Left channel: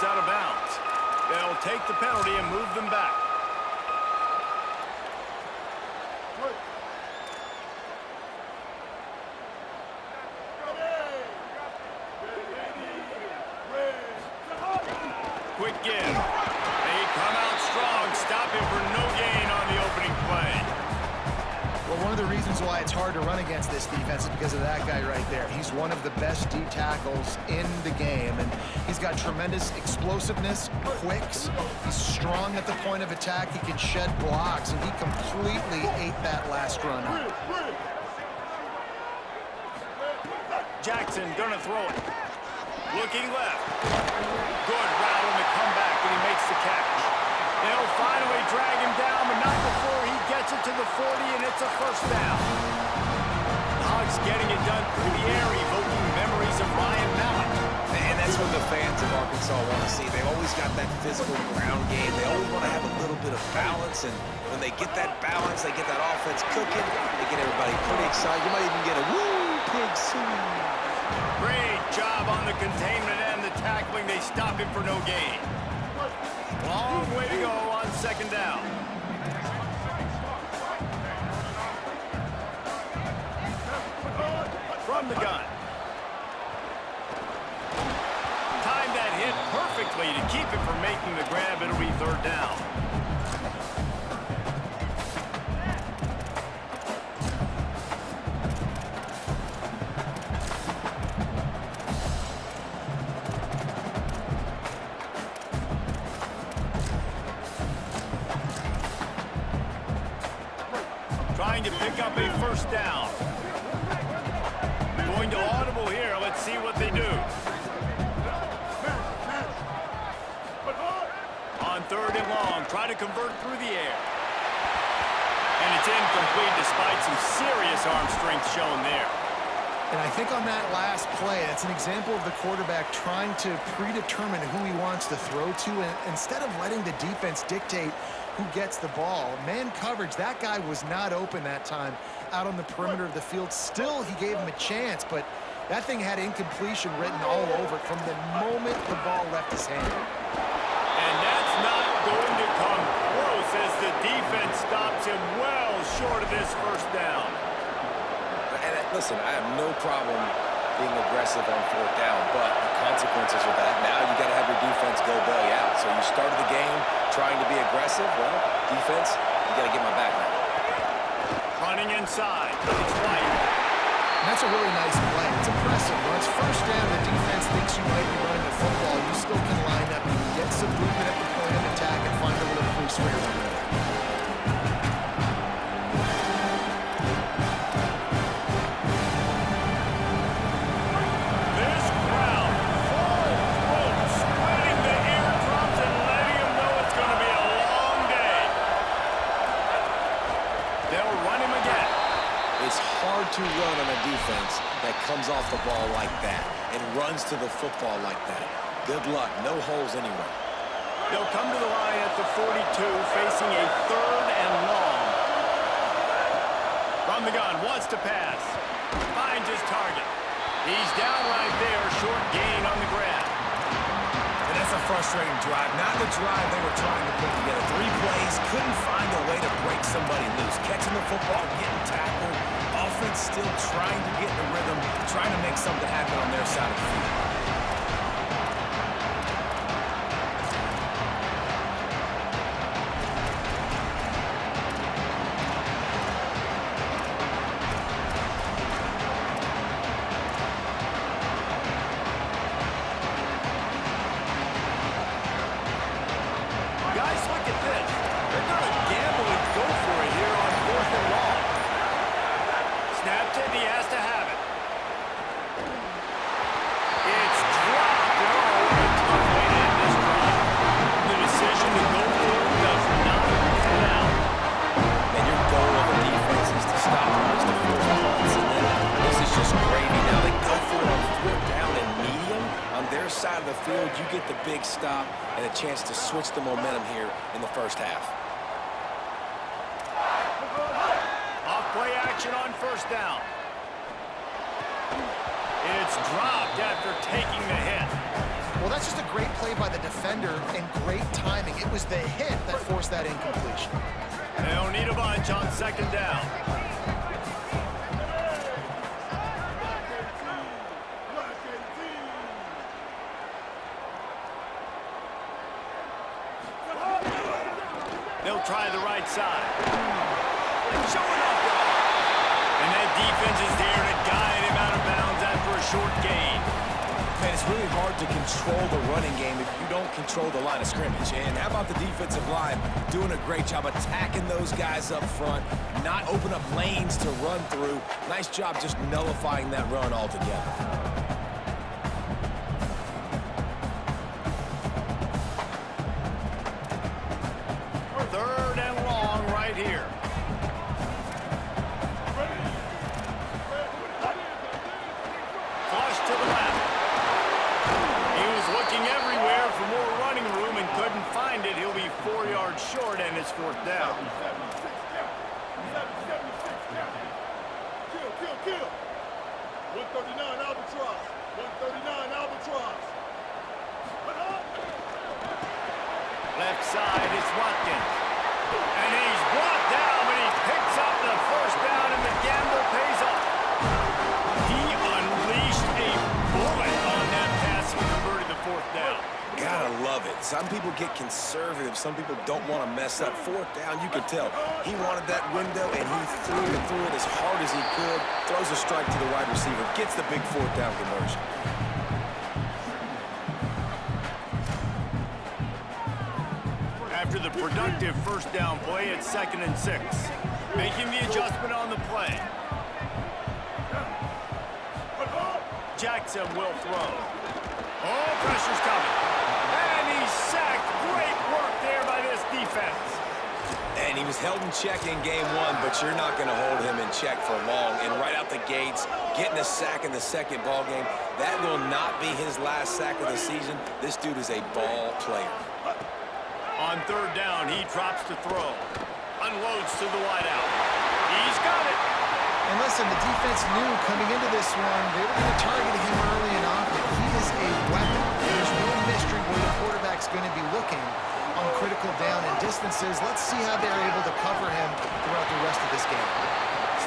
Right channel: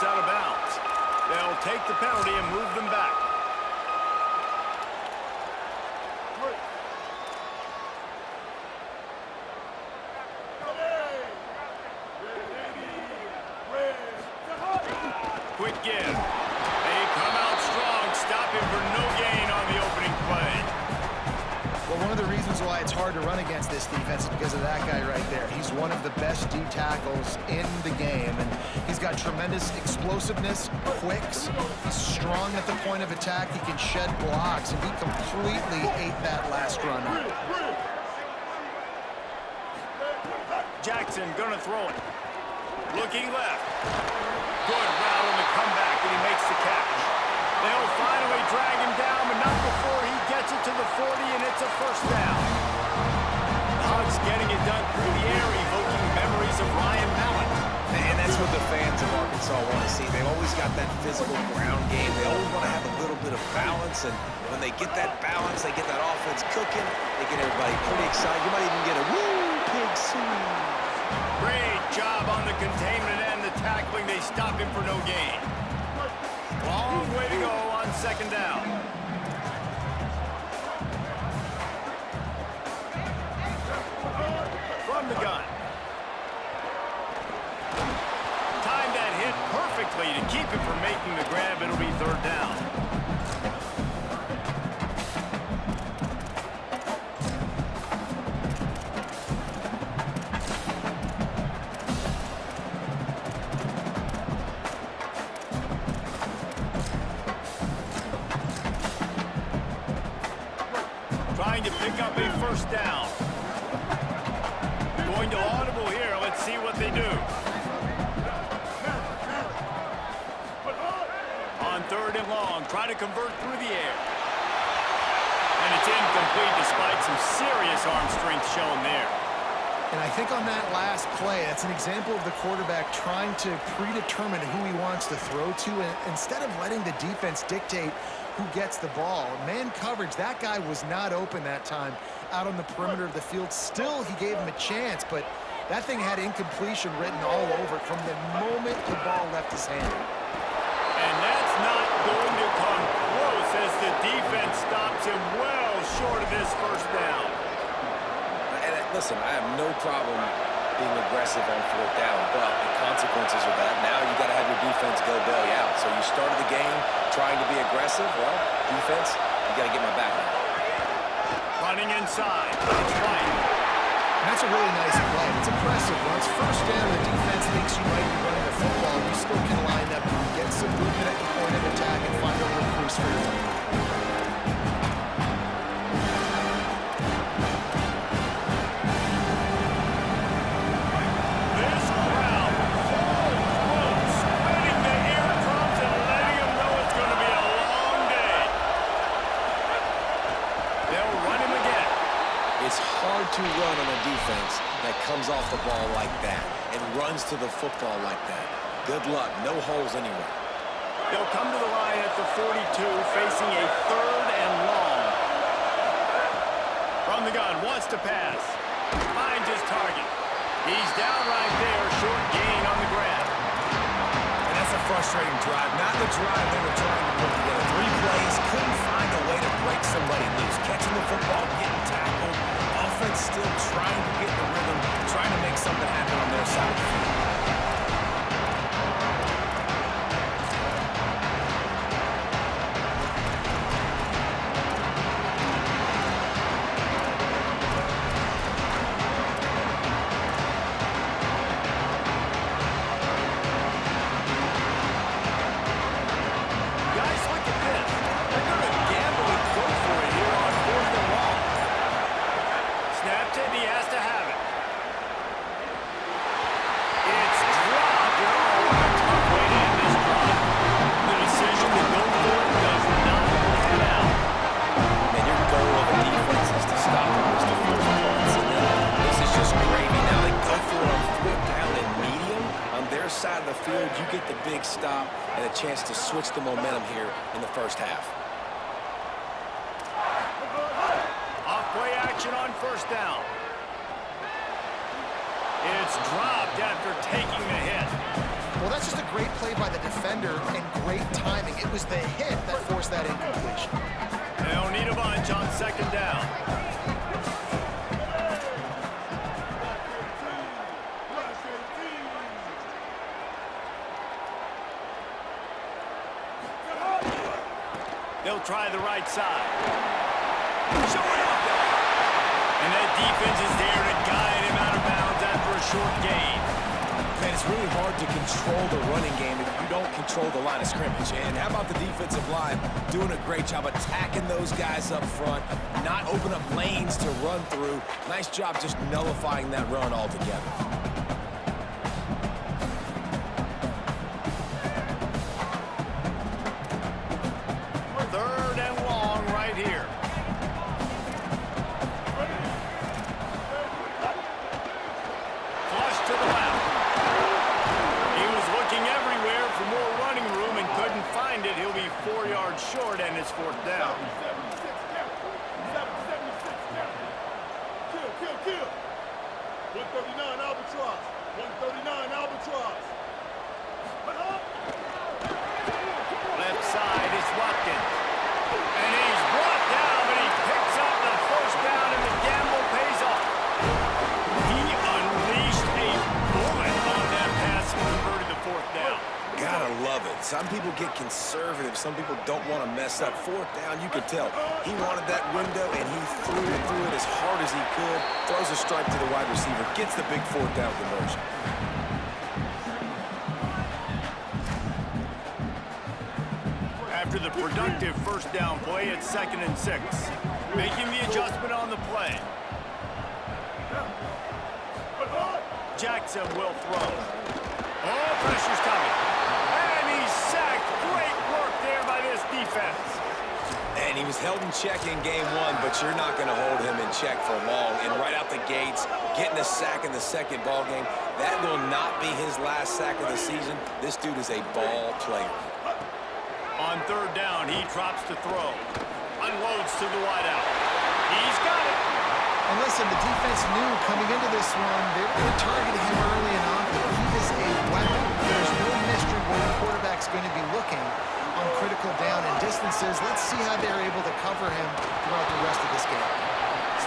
goes out of bounds. They'll take the penalty and move them back. Quick give. They come out strong, stopping for no gain on the opening play. Well, one of the reasons why it's hard to run against this defense is because of that guy right there. He's one of the best D tackles in the game, and he's got tremendous explosiveness, quicks. He's strong at the point of attack. He can shed blocks, and he completely ate that last run up. Jackson gonna throw it. Looking left. Good route on the comeback, and he makes the catch. They'll finally drag him down, but not before he gets it to the 40, and it's a first down. The Hogs getting it done through the air, evoking memories of Ryan Mallett. And that's what the fans of Arkansas want to see. They've always got that physical ground game. They always want to have a little bit of balance, and when they get that balance, they get that offense cooking, they get everybody pretty excited. You might even get a woo, pig suey. Great job on the containment and the tackling. They stop him for no gain. Long way to go on second down. From the gun. Timed that hit perfectly to keep him from making the grab. It'll be third down. Trying to pick up a first down. Going to audible here. Let's see what they do. On third and long, try to convert through the air. And it's incomplete despite some serious arm strength shown there. And I think on that last play, that's an example of the quarterback trying to predetermine who he wants to throw to, and instead of letting the defense dictate who gets the ball. Man coverage, that guy was not open that time out on the perimeter of the field. Still, he gave him a chance, but that thing had incompletion written all over it from the moment the ball left his hand. And that's not going to come close as the defense stops him well short of this first down. And listen, I have no problem being aggressive on fourth down, but the consequences of that, now you got to have your defense go bail you out. So you started the game trying to be aggressive. Well, defense, you got to get my back now. Running inside. It's White. And that's a really nice play. It's impressive. Once first down, the defense thinks you might be running the football. You still can line up. You can get some movement at the point of attack and find a little crease for your running back. This crowd, full throat, spreading the eardrums and letting them know it's going to be a long day. They'll run him again. It's hard to run on a defense that comes off the ball like that and runs to the football like that. Good luck. No holes anywhere. They'll come to the line at the 42, facing a third and long. From the gun, wants to pass. Finds his target. He's down right there, short gain on the grab. And that's a frustrating drive. Not the drive they were trying to put together. 3 plays, couldn't find a way to break somebody loose. Catching the football, getting tackled. Offense still trying to get the rhythm, trying to make something happen on their side of the field. Guys, look at this. They're going to gamble and go for it here on fourth and long. Snapped it, he has to have it. It's dropped. Oh, what a tough way to end this drive. The decision to go for it does not pan out. And your goal of a defense is to stop them, is to force punts. And then this is just gravy. Now they go for it on fourth down and medium. On their side of the field, you get the big stop and a chance to switch the momentum here in the first half. Off-play action on first down. It's dropped after taking the hit. Well, that's just a great play by the defender and great timing. It was the hit that forced that incompletion. They'll need a bunch on second down. They'll try the right side. Showing off the arm. And that defense is there to guide him out of bounds after a short gain. Man, it's really hard to control the running game if you don't control the line of scrimmage. And how about the defensive line doing a great job attacking those guys up front, not open up lanes to run through. Nice job just nullifying that run altogether. Third and long right here. Flush to the left. He was looking everywhere for more running room and couldn't find it. He'll be 4 yards short, and it's fourth down. 76 count. 76 count. Kill. 139 Albatross. 139 Albatross. Left side is Watkins. And he's brought down, but he picks up the first down, and the gamble pays off. He unleashed a bullet on that pass and converted the fourth down. Gotta love it. Some people get conservative. Some people don't want to mess up. Fourth down, you could tell. He wanted that window, and he threw it as hard as he could. Throws a strike to the wide receiver. Gets the big fourth down conversion. After the productive first down play, it's 2nd and 6. Making the adjustment on the play. Jackson will throw. Oh, pressure's coming. And he's sacked. Great work there by this defense. And he was held in check in game one, but you're not going to hold him in check for long. And right out the gates, getting a sack in the second ball game, that will not be his last sack of the season. This dude is a ball player. On third down, he drops to throw. Unloads to the wideout. He's got it. And listen, the defense knew coming into this one, they were going to target him early and often. He is a weapon. There's no mystery where the quarterback's going to be looking on critical down and distances. Let's see how they're able to cover him throughout the rest of this game.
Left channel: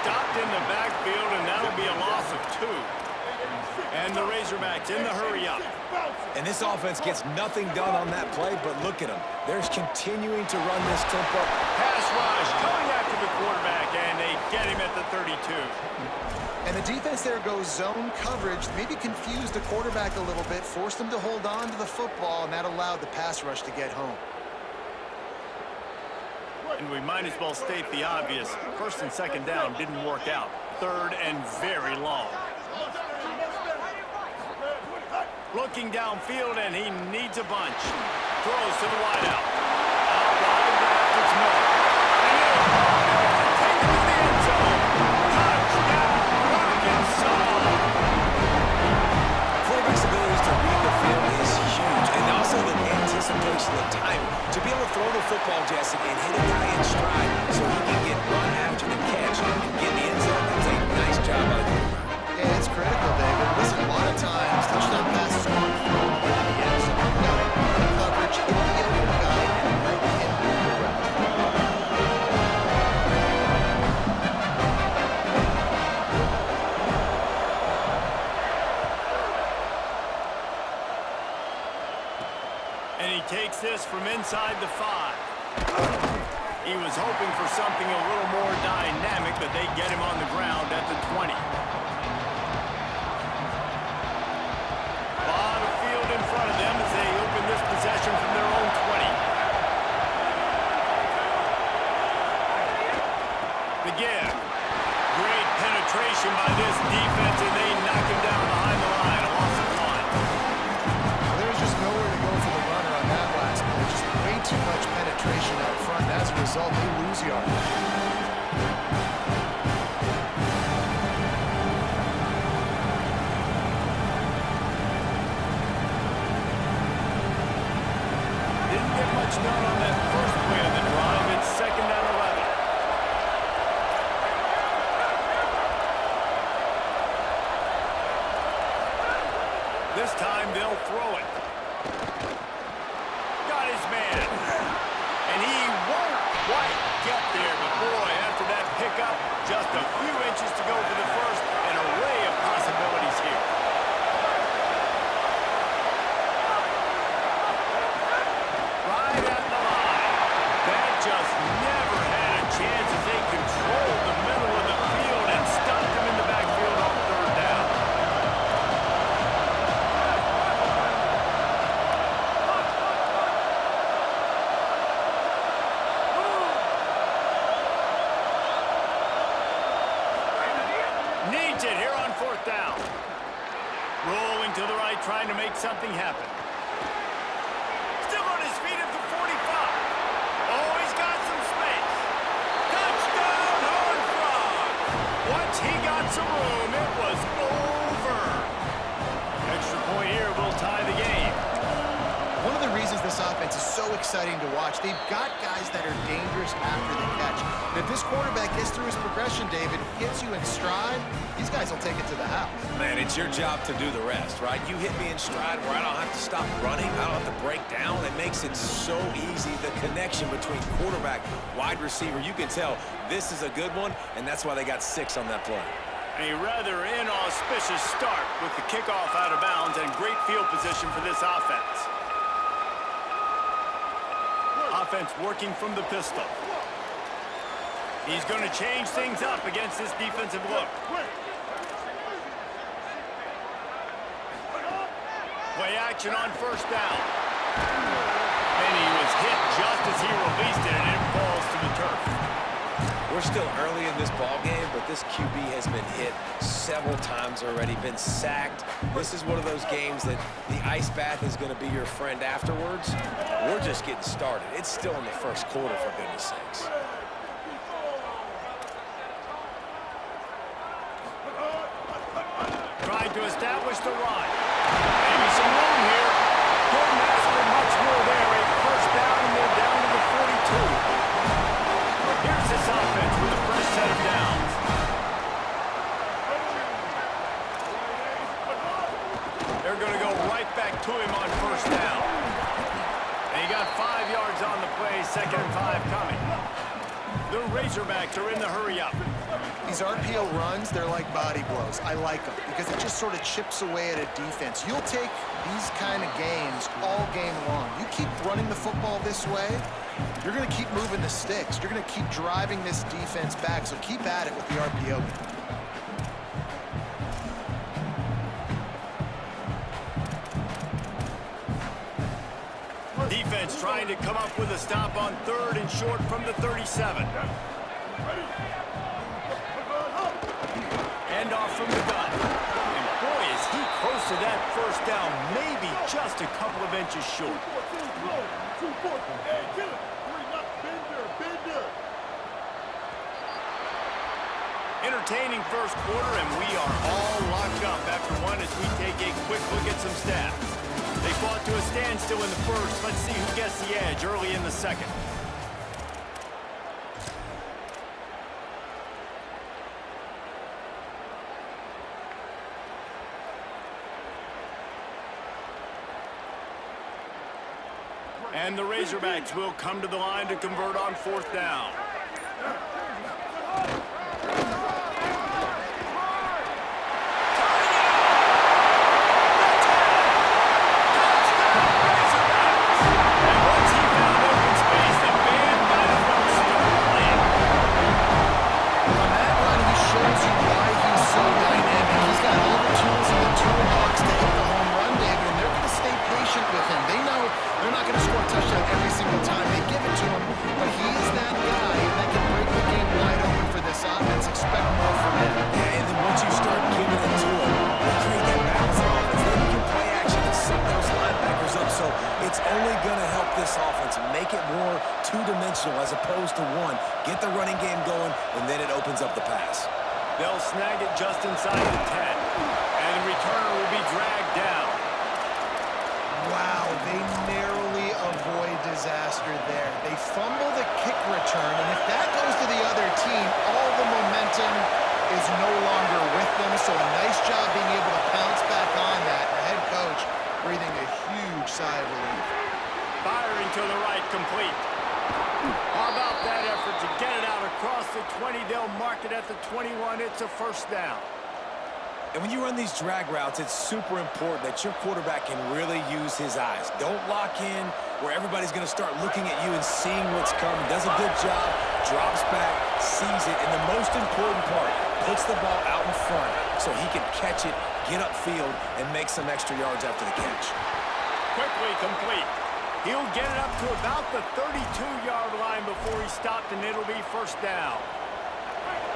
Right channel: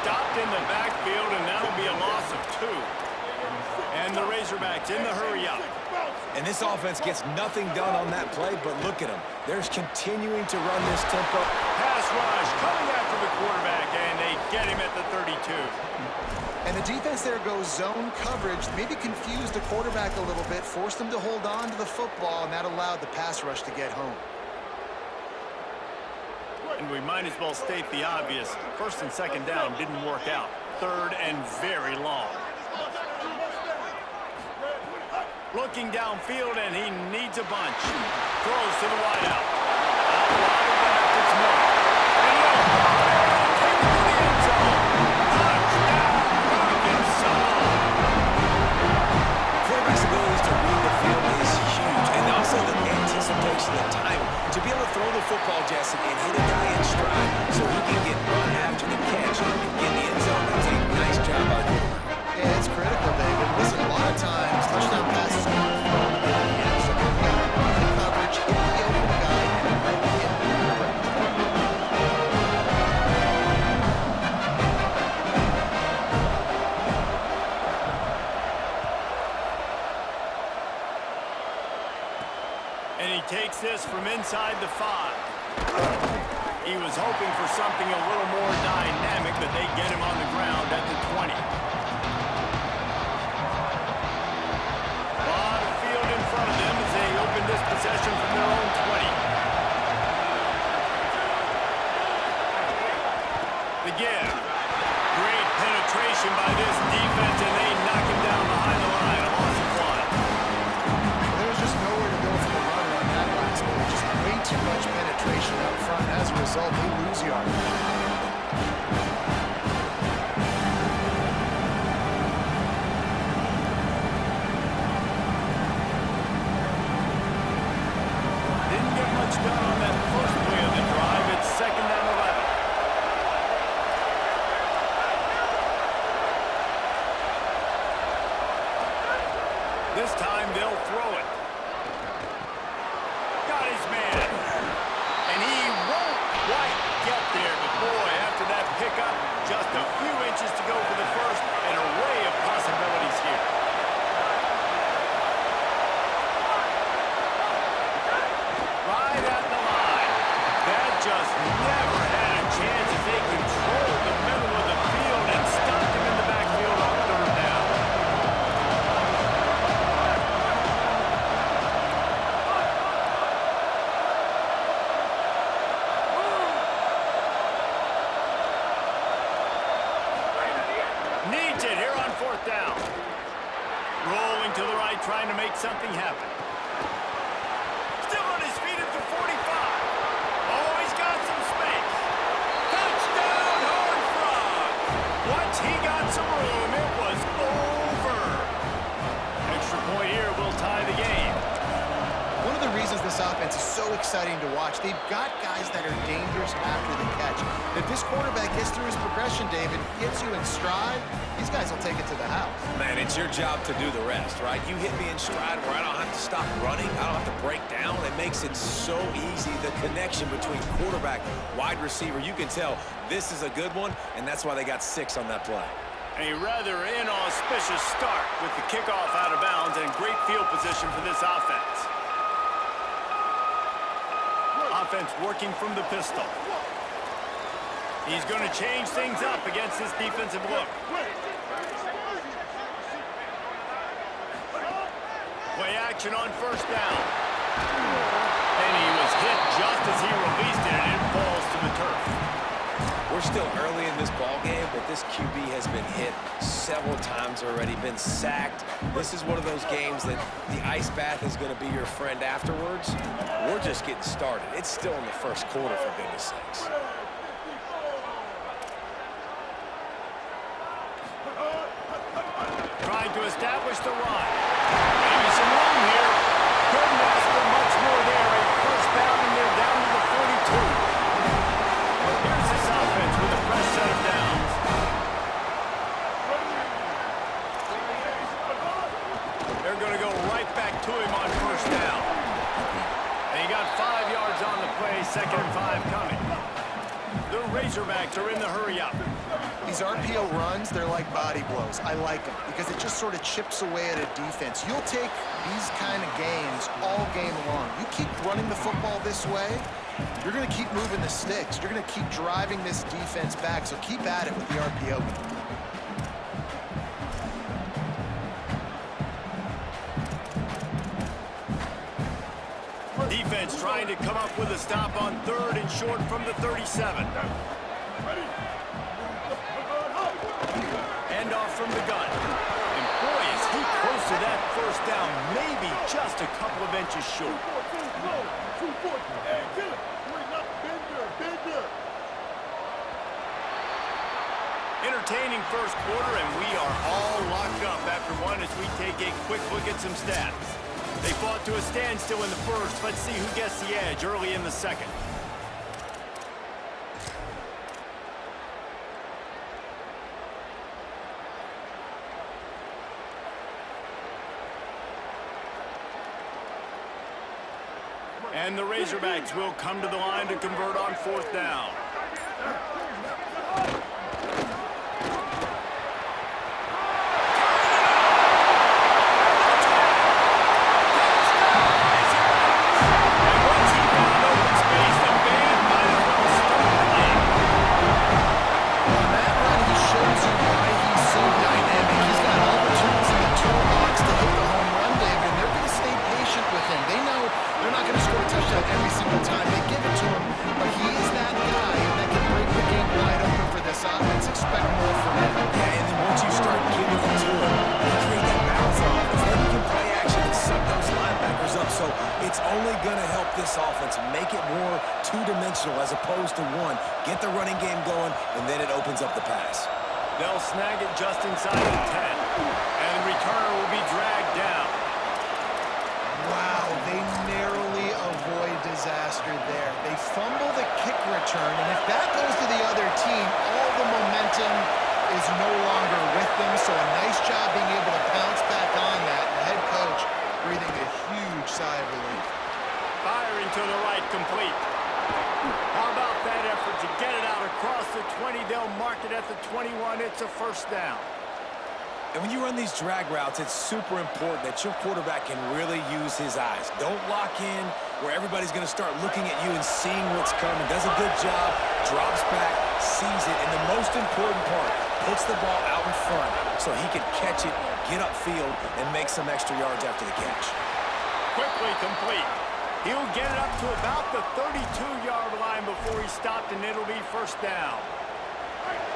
Stopped in the backfield, and that'll be a loss of 2. And the Razorbacks in the hurry up. And this offense gets nothing done on that play, but look at them. They're continuing to run this tempo. Pass rush coming after the quarterback, and they get him at the 32. And the defense there goes zone coverage, maybe confused the quarterback a little bit, forced him to hold on to the football, and that allowed the pass rush to get home. And we might as well state the obvious. First and second down didn't work out. Third and very long. Looking downfield, and he needs a bunch. Throws to the wideout. Out wide left, it's Miller. And he'll take it to the end zone. Touchdown, Arkansas! Quarterback's abilities to read the field is huge, and also the anticipation, the timing. To be able to throw the football, Jesse, and hit a guy in stride so he can get run after the catch and get in the end zone, that's a nice job by the quarterback. Yeah, it's critical, David. Listen, a lot of times, touchdown passes aren't thrown into the end zone. You got to read the coverage, hit the open guy, and let him move the route. And he takes this from inside the 5. He was hoping for something a little more dynamic, but they get him on the ground at the 20. In front of them as they open this possession from their own 20. The give. Great penetration by this defense, and they knock him down behind the line. A loss of 1. Well, there's just nowhere to go for the runner on that last play. Just way too much penetration up front. And as a result, they lose yardage. Done on that first play of the drive. It's 2nd and 11. This time they'll throw it. his man. And he won't quite get there, but boy, after that pickup, just a few inches to go for the first, an array of possibilities here. Right at the line. That just never had a chance as they controlled the middle of the field and stopped him in the backfield on third down. Needs it here on fourth down. Rolling to the right, trying to make something happen. Still on his feet at the 45. Oh, he's got some space. Touchdown, Horned Frogs. Once he got some room, it was over. Extra point here will tie the game. One of the reasons this offense is so exciting to watch, they've got guys that are dangerous after the catch. And if this quarterback gets through his progression, David, gets you in stride, these guys will take it to the house. Man, it's your job to do the rest, right? You hit me in stride where I don't have to stop running. I don't have to break down. It makes it so easy. The connection between quarterback, wide receiver, you can tell this is a good one, and that's why they got 6 on that play. A rather inauspicious start with the kickoff out of bounds and great field position for this offense. Offense working from the pistol. He's going to change things up against this defensive look. Play action on first down. And he was hit just as he released it, and it falls to the turf. We're still early in this ball game, but this QB has been hit several times already, been sacked. This is one of those games that the ice bath is going to be your friend afterwards. We're just getting started. It's still in the first quarter, for goodness sakes. Trying to establish the run. Maybe some room here. Couldn't ask for much more there. A first down, and they're down to the 42. Here's this offense with a fresh set of downs. They're going to go right back to him on first down. And he got 5 yards on the play, 2nd and 5 coming. The Razorbacks are in the hurry-up. These RPO runs, they're like body blows. I like them because it just sort of chips away at a defense. You'll take these kind of games all game long. You keep running the football this way, you're going to keep moving the sticks. You're going to keep driving this defense back, so keep at it with the RPO game. Defense trying to come up with a stop on 3rd and short from the 37. Hand off from the gun. And boy, is he close to that first down, maybe just a couple of inches short. 2-14, hey, kill it. 3, not Bender. Entertaining first quarter, and we are all locked up after one as we take a quick look at some stats. They fought to a standstill in the first. Let's see who gets the edge early in the second. And the Razorbacks will come to the line to convert on 4th down. With him. They know they're not going to score a touchdown every single time they give it to him, but he is that guy that can break the game wide open for this offense. Expect more from him. Yeah, and then once you start giving it to him, you create that balance offense. Then you can play action and set those linebackers up. So it's only going to help this offense make it more two-dimensional as opposed to one. Get the running game going, and then it opens up the pass. They'll snag it just inside the 10, and the returner will be dragged down. Wow, they narrowly avoid disaster there. They fumble the kick return, and if that goes to the other team, all the momentum is no longer with them, so a nice job being able to pounce back on that. The head coach breathing a huge sigh of relief. Firing to the right, complete. How about that effort to get it out across the 20? They'll mark it at the 21. It's a first down. And when you run these drag routes, it's super important that your quarterback can really use his eyes. Don't lock in where everybody's going to start looking at you and seeing what's coming. Does a good job, drops back, sees it, and the most important part, puts the ball out in front so he can catch it, get upfield, and make some extra yards after the catch. Quickly complete. He'll get it up to about the 32-yard line before he stopped, and it'll be first down.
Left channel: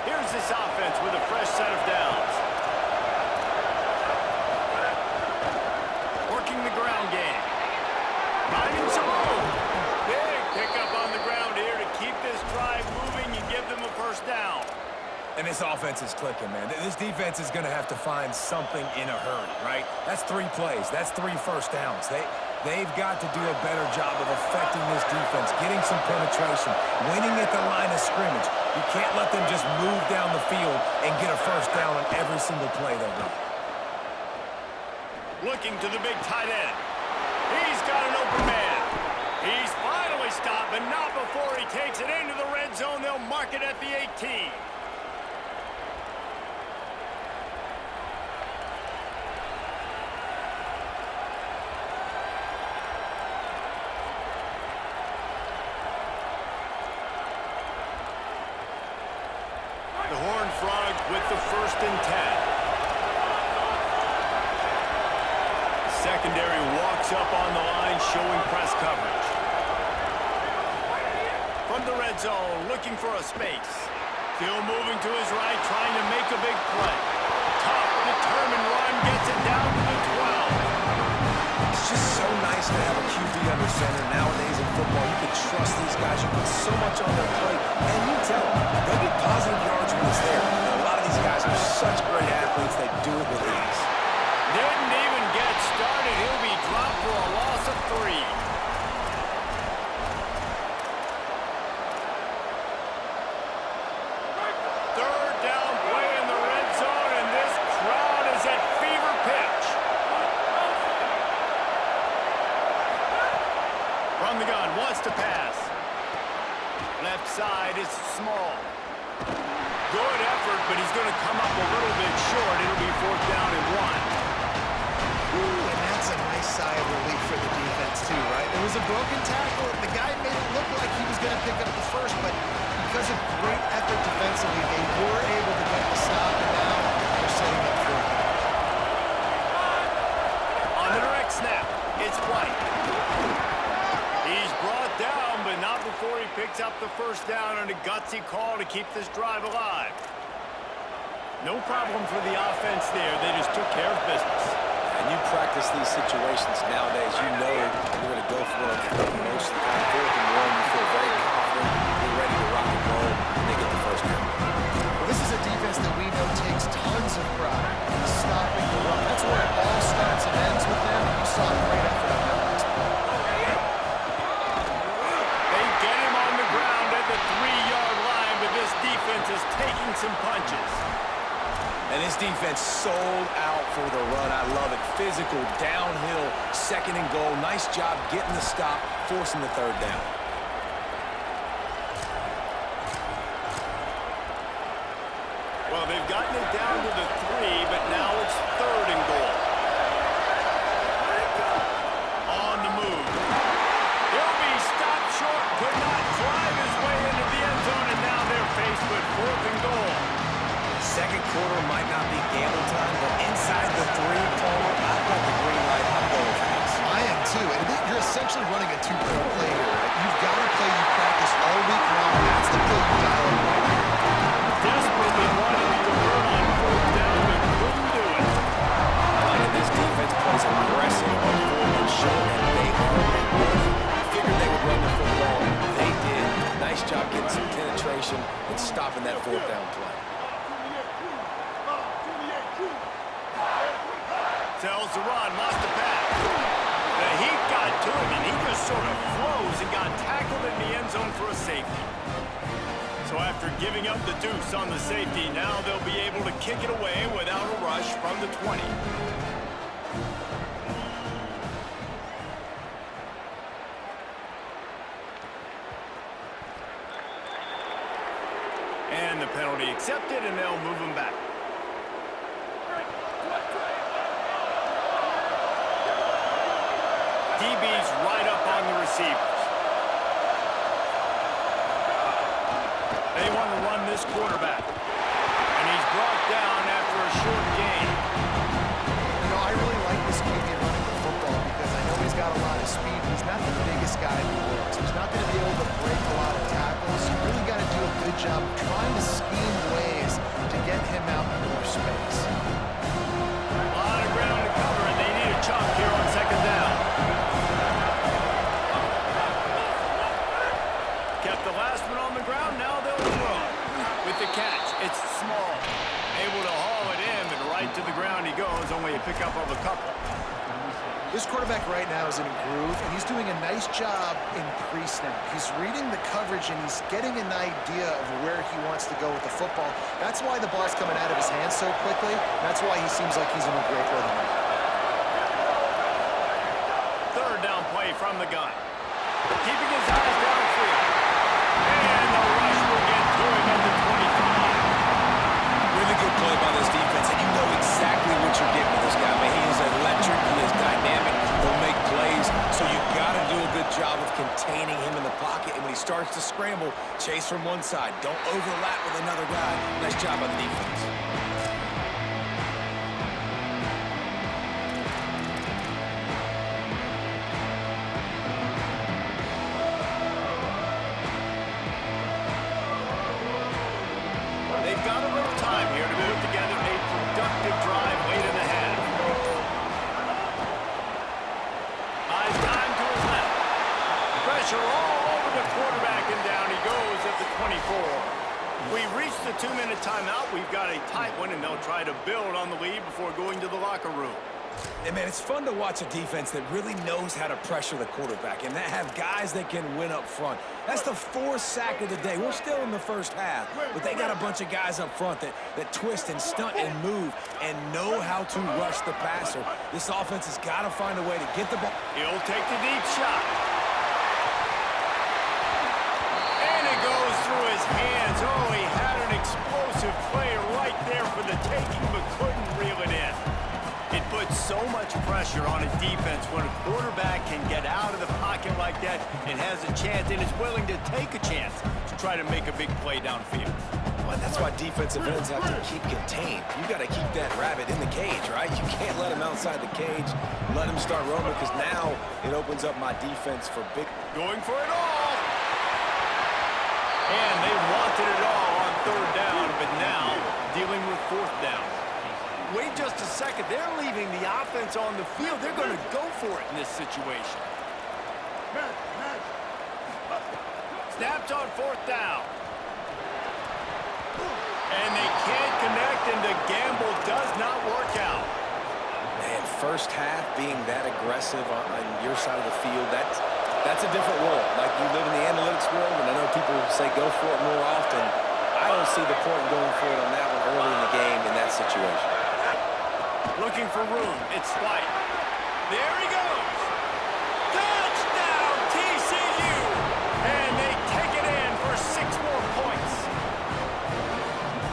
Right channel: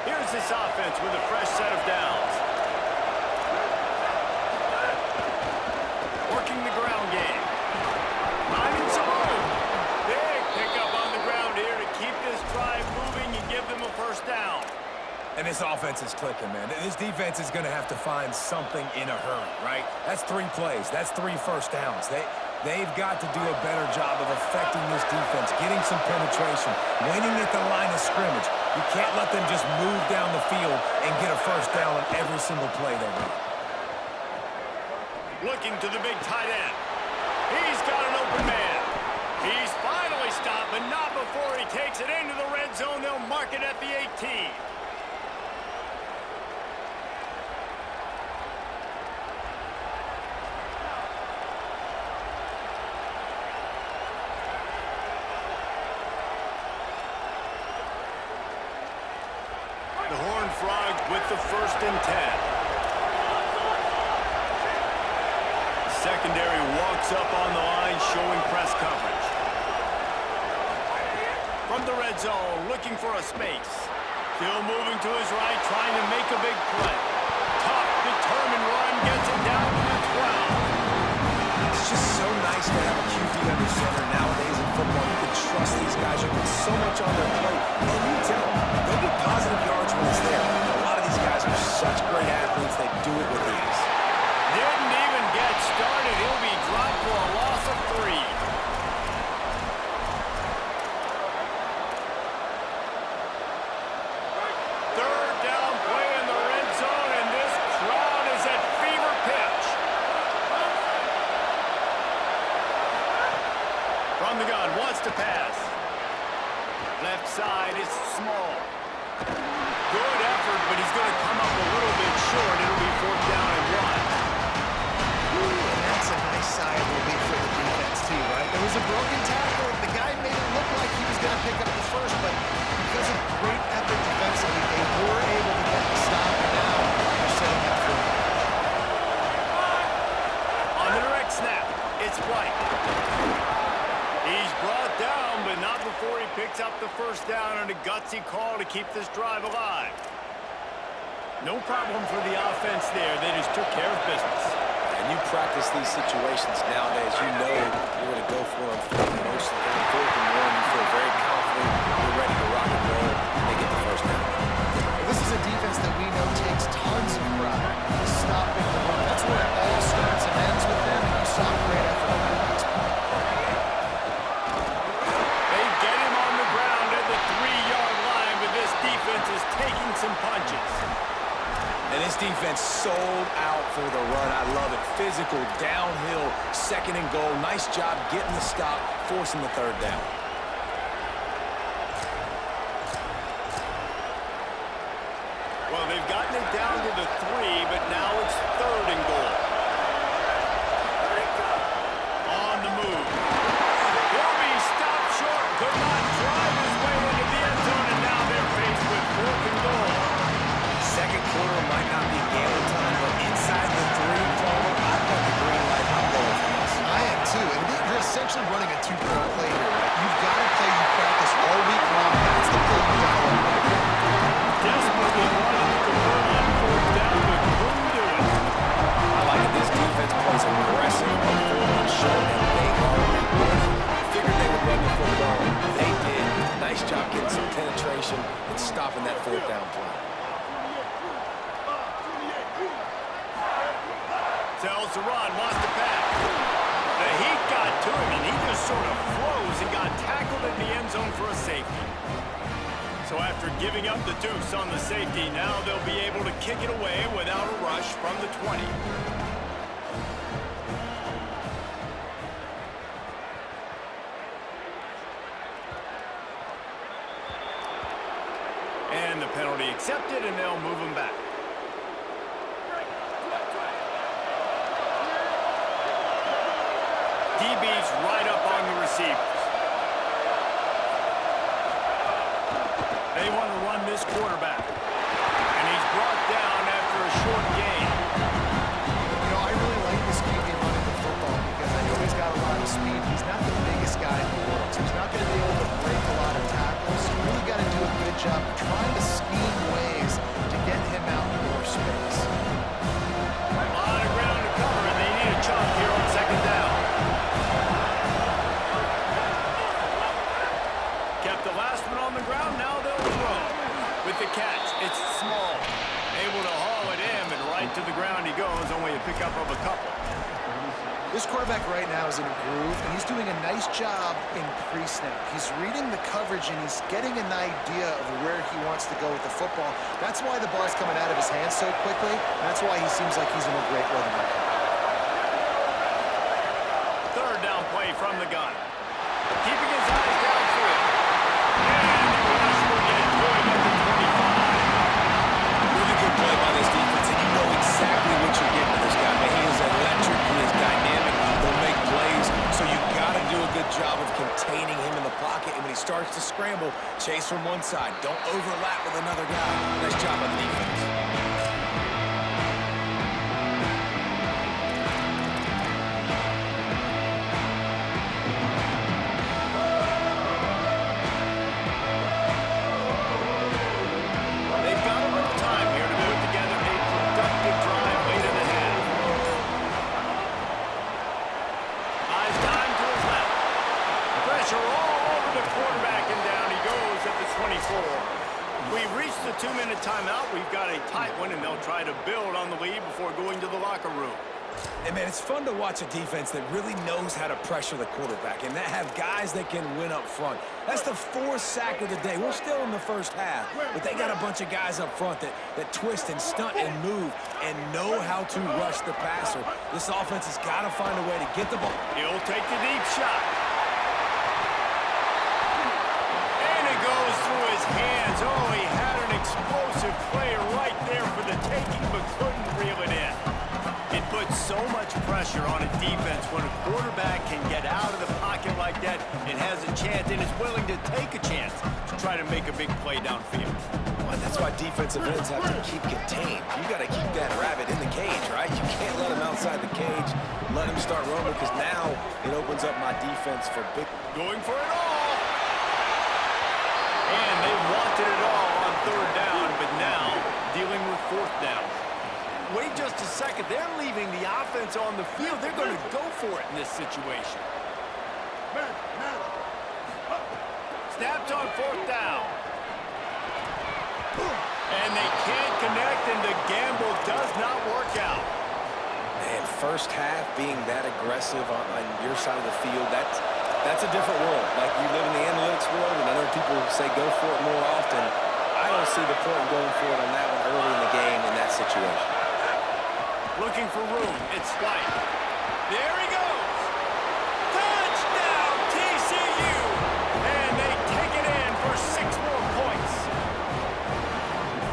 Here's this offense with a fresh set of downs. Working the ground game. Finding some room. Big pickup on the ground here to keep this drive moving and give them a first down. And this offense is clicking, man. This defense is going to have to find something in a hurry, right? That's 3 plays. That's 3 first downs. They've got to do a better job of affecting this defense, getting some penetration, winning at the line of scrimmage. You can't let them just move down the field and get a first down on every single play they run. Looking to the big tight end. He's got an open man. He's finally stopped, but not before he takes it into the red zone. They'll mark it at the 18. The Horned Frogs with the 1st and 10. Secondary walks up on the line, showing press coverage. From the red zone, looking for a space. Still moving to his right, trying to make a big play. Tough, determined run, gets it down to the 12. It's just so nice to have a QB under center. Nowadays in football, you can trust these guys. You put so much on their plate, and you tell them, go get positive yards when it's there. And a lot of these guys are such great athletes, they do it with ease. Didn't even get started. He'll be dropped for a loss of 3. Third down play in the red zone, and this crowd is at fever pitch. From the gun, wants to pass. Left side is small. Good effort, but he's going to come up a little bit short. It'll be 4th down and 1. And that's a nice sigh of relief for the defense, too, right? There was a broken tackle. The guy made it look like he was going to pick up the first, but because of great effort defensively, they were able to get the stop, and now they're setting up for it. On the direct snap, it's White. He's brought down, but not before he picks up the first down on a gutsy call to keep this drive alive. No problem for the offense there. They just took care of business. And you practice these situations nowadays, you know you're going to go for it most of the time. 4th and 1, you feel very confident, you're ready to rock and roll, and they get the first down. Well, this is a defense that we know takes tons of pride stopping the run. That's where it all starts and ends with them, and you saw a great effort on that last play. They get him on the ground at the 3-yard line, but this defense is taking some punches. And this defense sold out for the run. I love it. Physical, downhill, 2nd and goal. Nice job getting the stop, forcing the 3rd down. Well, they've gotten it down to the 3, but now it's 3rd and goal. On the move. He'll be stopped short. Could not drive his way into the end zone, and now they're faced with 4th and goal. 2nd quarter might not be gamble time, but inside the 3, Palmer, I've got the green light. I'm going for this. I am too, and you're essentially running a 2-pro play here, right? You've got a play you practice all week long. That's the play you dial up right here. Desperately wanted to convert on 4th down, but couldn't do it. I like it. This defense plays aggressive on 4th and short, and they are rewarded. Figured they would run the football. They did. Nice job getting some penetration and stopping that 4th down play. Tells the run, wants to pass. The heat got to him, and he just sort of froze and got tackled in the end zone for a safety. So after giving up the deuce on the safety, now they'll be able to kick it away without a rush from the 20. And the penalty accepted, and they'll move him back. DB's right up on the receivers. They want to run this quarterback. And he's brought down after a short gain. You know, I really like this QB running the football because I know he's got a lot of speed. He's not the biggest guy in the world, so he's not going to be able to break a lot of tackles. You really got to do a good job of trying to scheme ways to get him out in more space. A lot of ground to cover, and they need a chunk here on second down. Kept the last one on the ground, now they'll throw. With the catch, it's small. Able to haul it in, and right to the ground he goes, only a pickup of a couple. This quarterback right now is in a groove, and he's doing a nice job in pre-snap. He's reading the coverage, and he's getting an idea of where he wants to go with the football. That's why the ball's coming out of his hands so quickly, and that's why he seems like he's in a great rhythm right now. Third down play from the gun. Keeping his eyes downfield. And the rush will get to him at the 25. Really good play by this defense, and you know exactly what you're getting with this guy. Man, he is electric, he is dynamic, he'll make plays, so you got to do a good job of containing him in the pocket, and when he starts to scramble, chase from one side. Don't overlap with another guy. Nice job by the defense. All over the quarterback, and down he goes at the 24. We've reached the 2-minute timeout. We've got a tight one, and they'll try to build on the lead before going to the locker room. And, man, it's fun to watch a defense that really knows how to pressure the quarterback and that have guys that can win up front. That's the 4th sack of the day. We're still in the first half, but they got a bunch of guys up front that twist and stunt and move and know how to rush the passer. This offense has got to find a way to get the ball. He'll take the deep shot. Goes through his hands. Oh, he had an explosive play right there for the taking, but couldn't reel it in. It puts so much pressure on a defense when a quarterback can get out of the pocket like that and has a chance and is willing to take a chance to try to make a big play downfield. Well, that's why defensive ends have to keep contained. You got to keep that rabbit in the cage, right? You can't let him outside the cage, let him start roaming, because now it opens up my defense for big. Going for it all. And they wanted it all on third down, but now dealing with fourth down. Wait just a second. They're leaving the offense on the field. They're going to go for it in this situation. Snapped on fourth down. And they can't connect, and the gamble does not work out. Man, first half being that aggressive on your side of the field, that's a different world. Like, you live in the analytics world, and I know people say go for it more often. I don't see the point in going for it on that one early in the game in that situation. Looking for room. It's White. There he goes. Touchdown, TCU. And they take it in for 6 more points.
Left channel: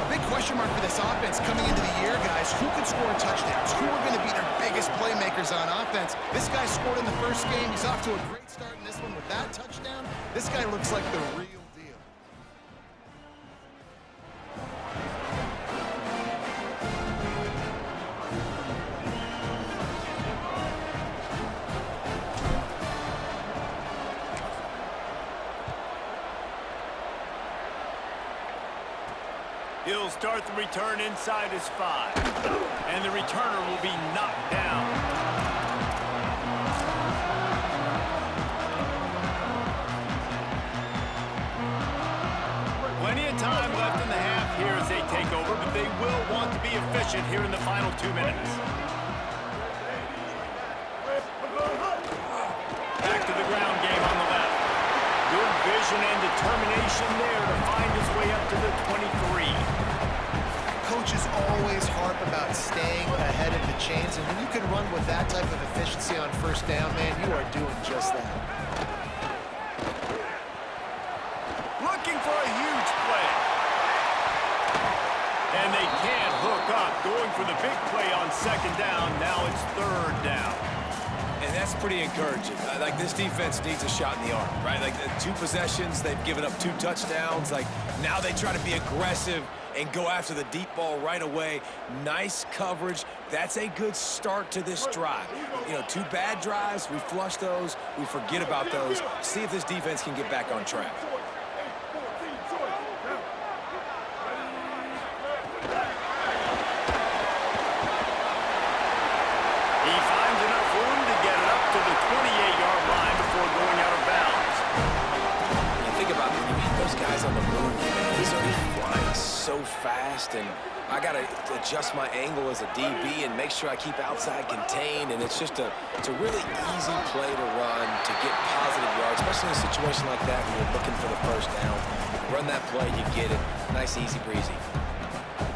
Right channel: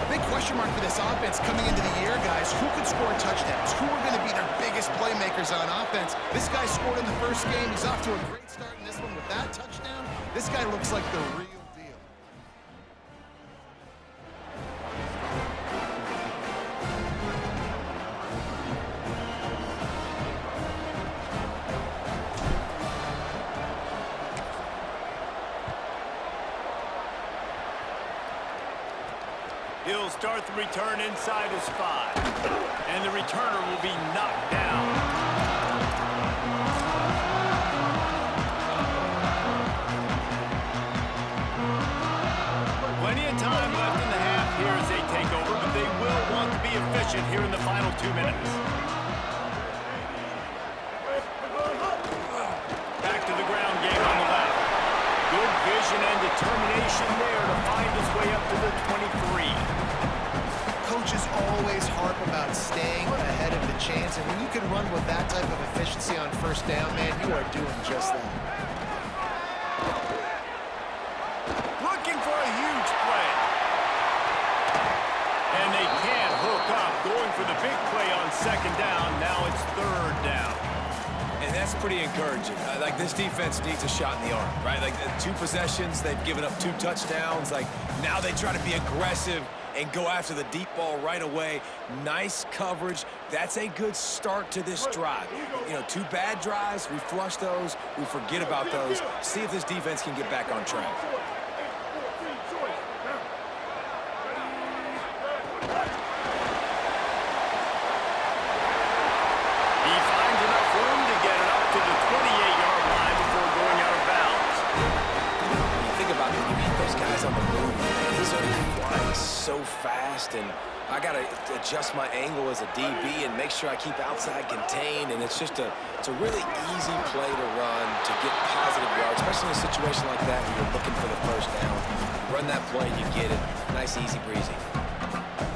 A big question mark for this offense coming into the year, guys. Who could score touchdowns? Who are going to be their biggest playmakers on offense? This guy scored in the first game. He's off to a great start in this one with that touchdown. This guy looks like the real deal. He'll start the return inside his 5. And the returner will be knocked down. Plenty of time left in the half here as they take over, but they will want to be efficient here in the final 2 minutes. Back to the ground game on the left. Good vision and determination there to find his way up to the 23. Coaches always harp about staying ahead of the chains, and when you can run with that type of efficiency on first down, man, you are doing just that. Looking for a huge play. broke up, going for the big play on second down. Now it's third down. And that's pretty encouraging. Like, this defense needs a shot in the arm, right? Like, 2 possessions, they've given up 2 touchdowns. Like, now they try to be aggressive and go after the deep ball right away. Nice coverage. That's a good start to this drive. You know, 2 bad drives, we flush those, we forget about those. See if this defense can get back on track. He finds enough room to get it up to the 28-yard line before going out of bounds. When you think about it, when you hit those guys on the move, man, he's already flying so fast, and I got to adjust my angle as a DB and make sure I keep outside contained, and it's a really easy play to run to get positive yards, especially in a situation like that where you're looking for the first down. You run that play, you get it. Nice, easy breezy.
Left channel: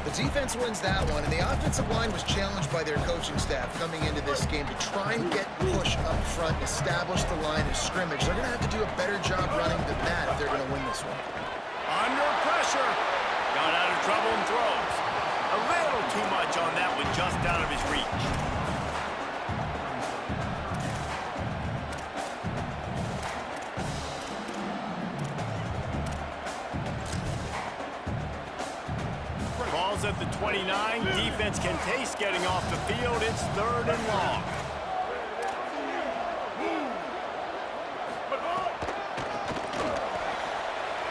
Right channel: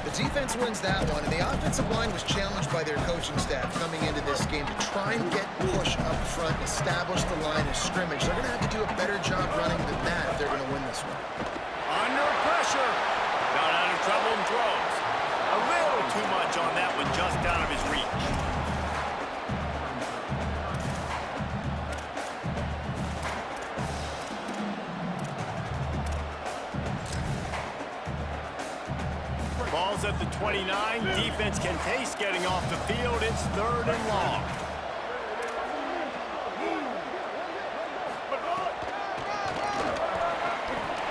The defense wins that one, and the offensive line was challenged by their coaching staff coming into this game to try and get push up front and establish the line of scrimmage. They're going to have to do a better job running than that if they're going to win this one. Under pressure. Got out of trouble and throws. A little too much on that one, just out of his reach. Ball's at the 29. Defense can taste getting off the field. It's third and long.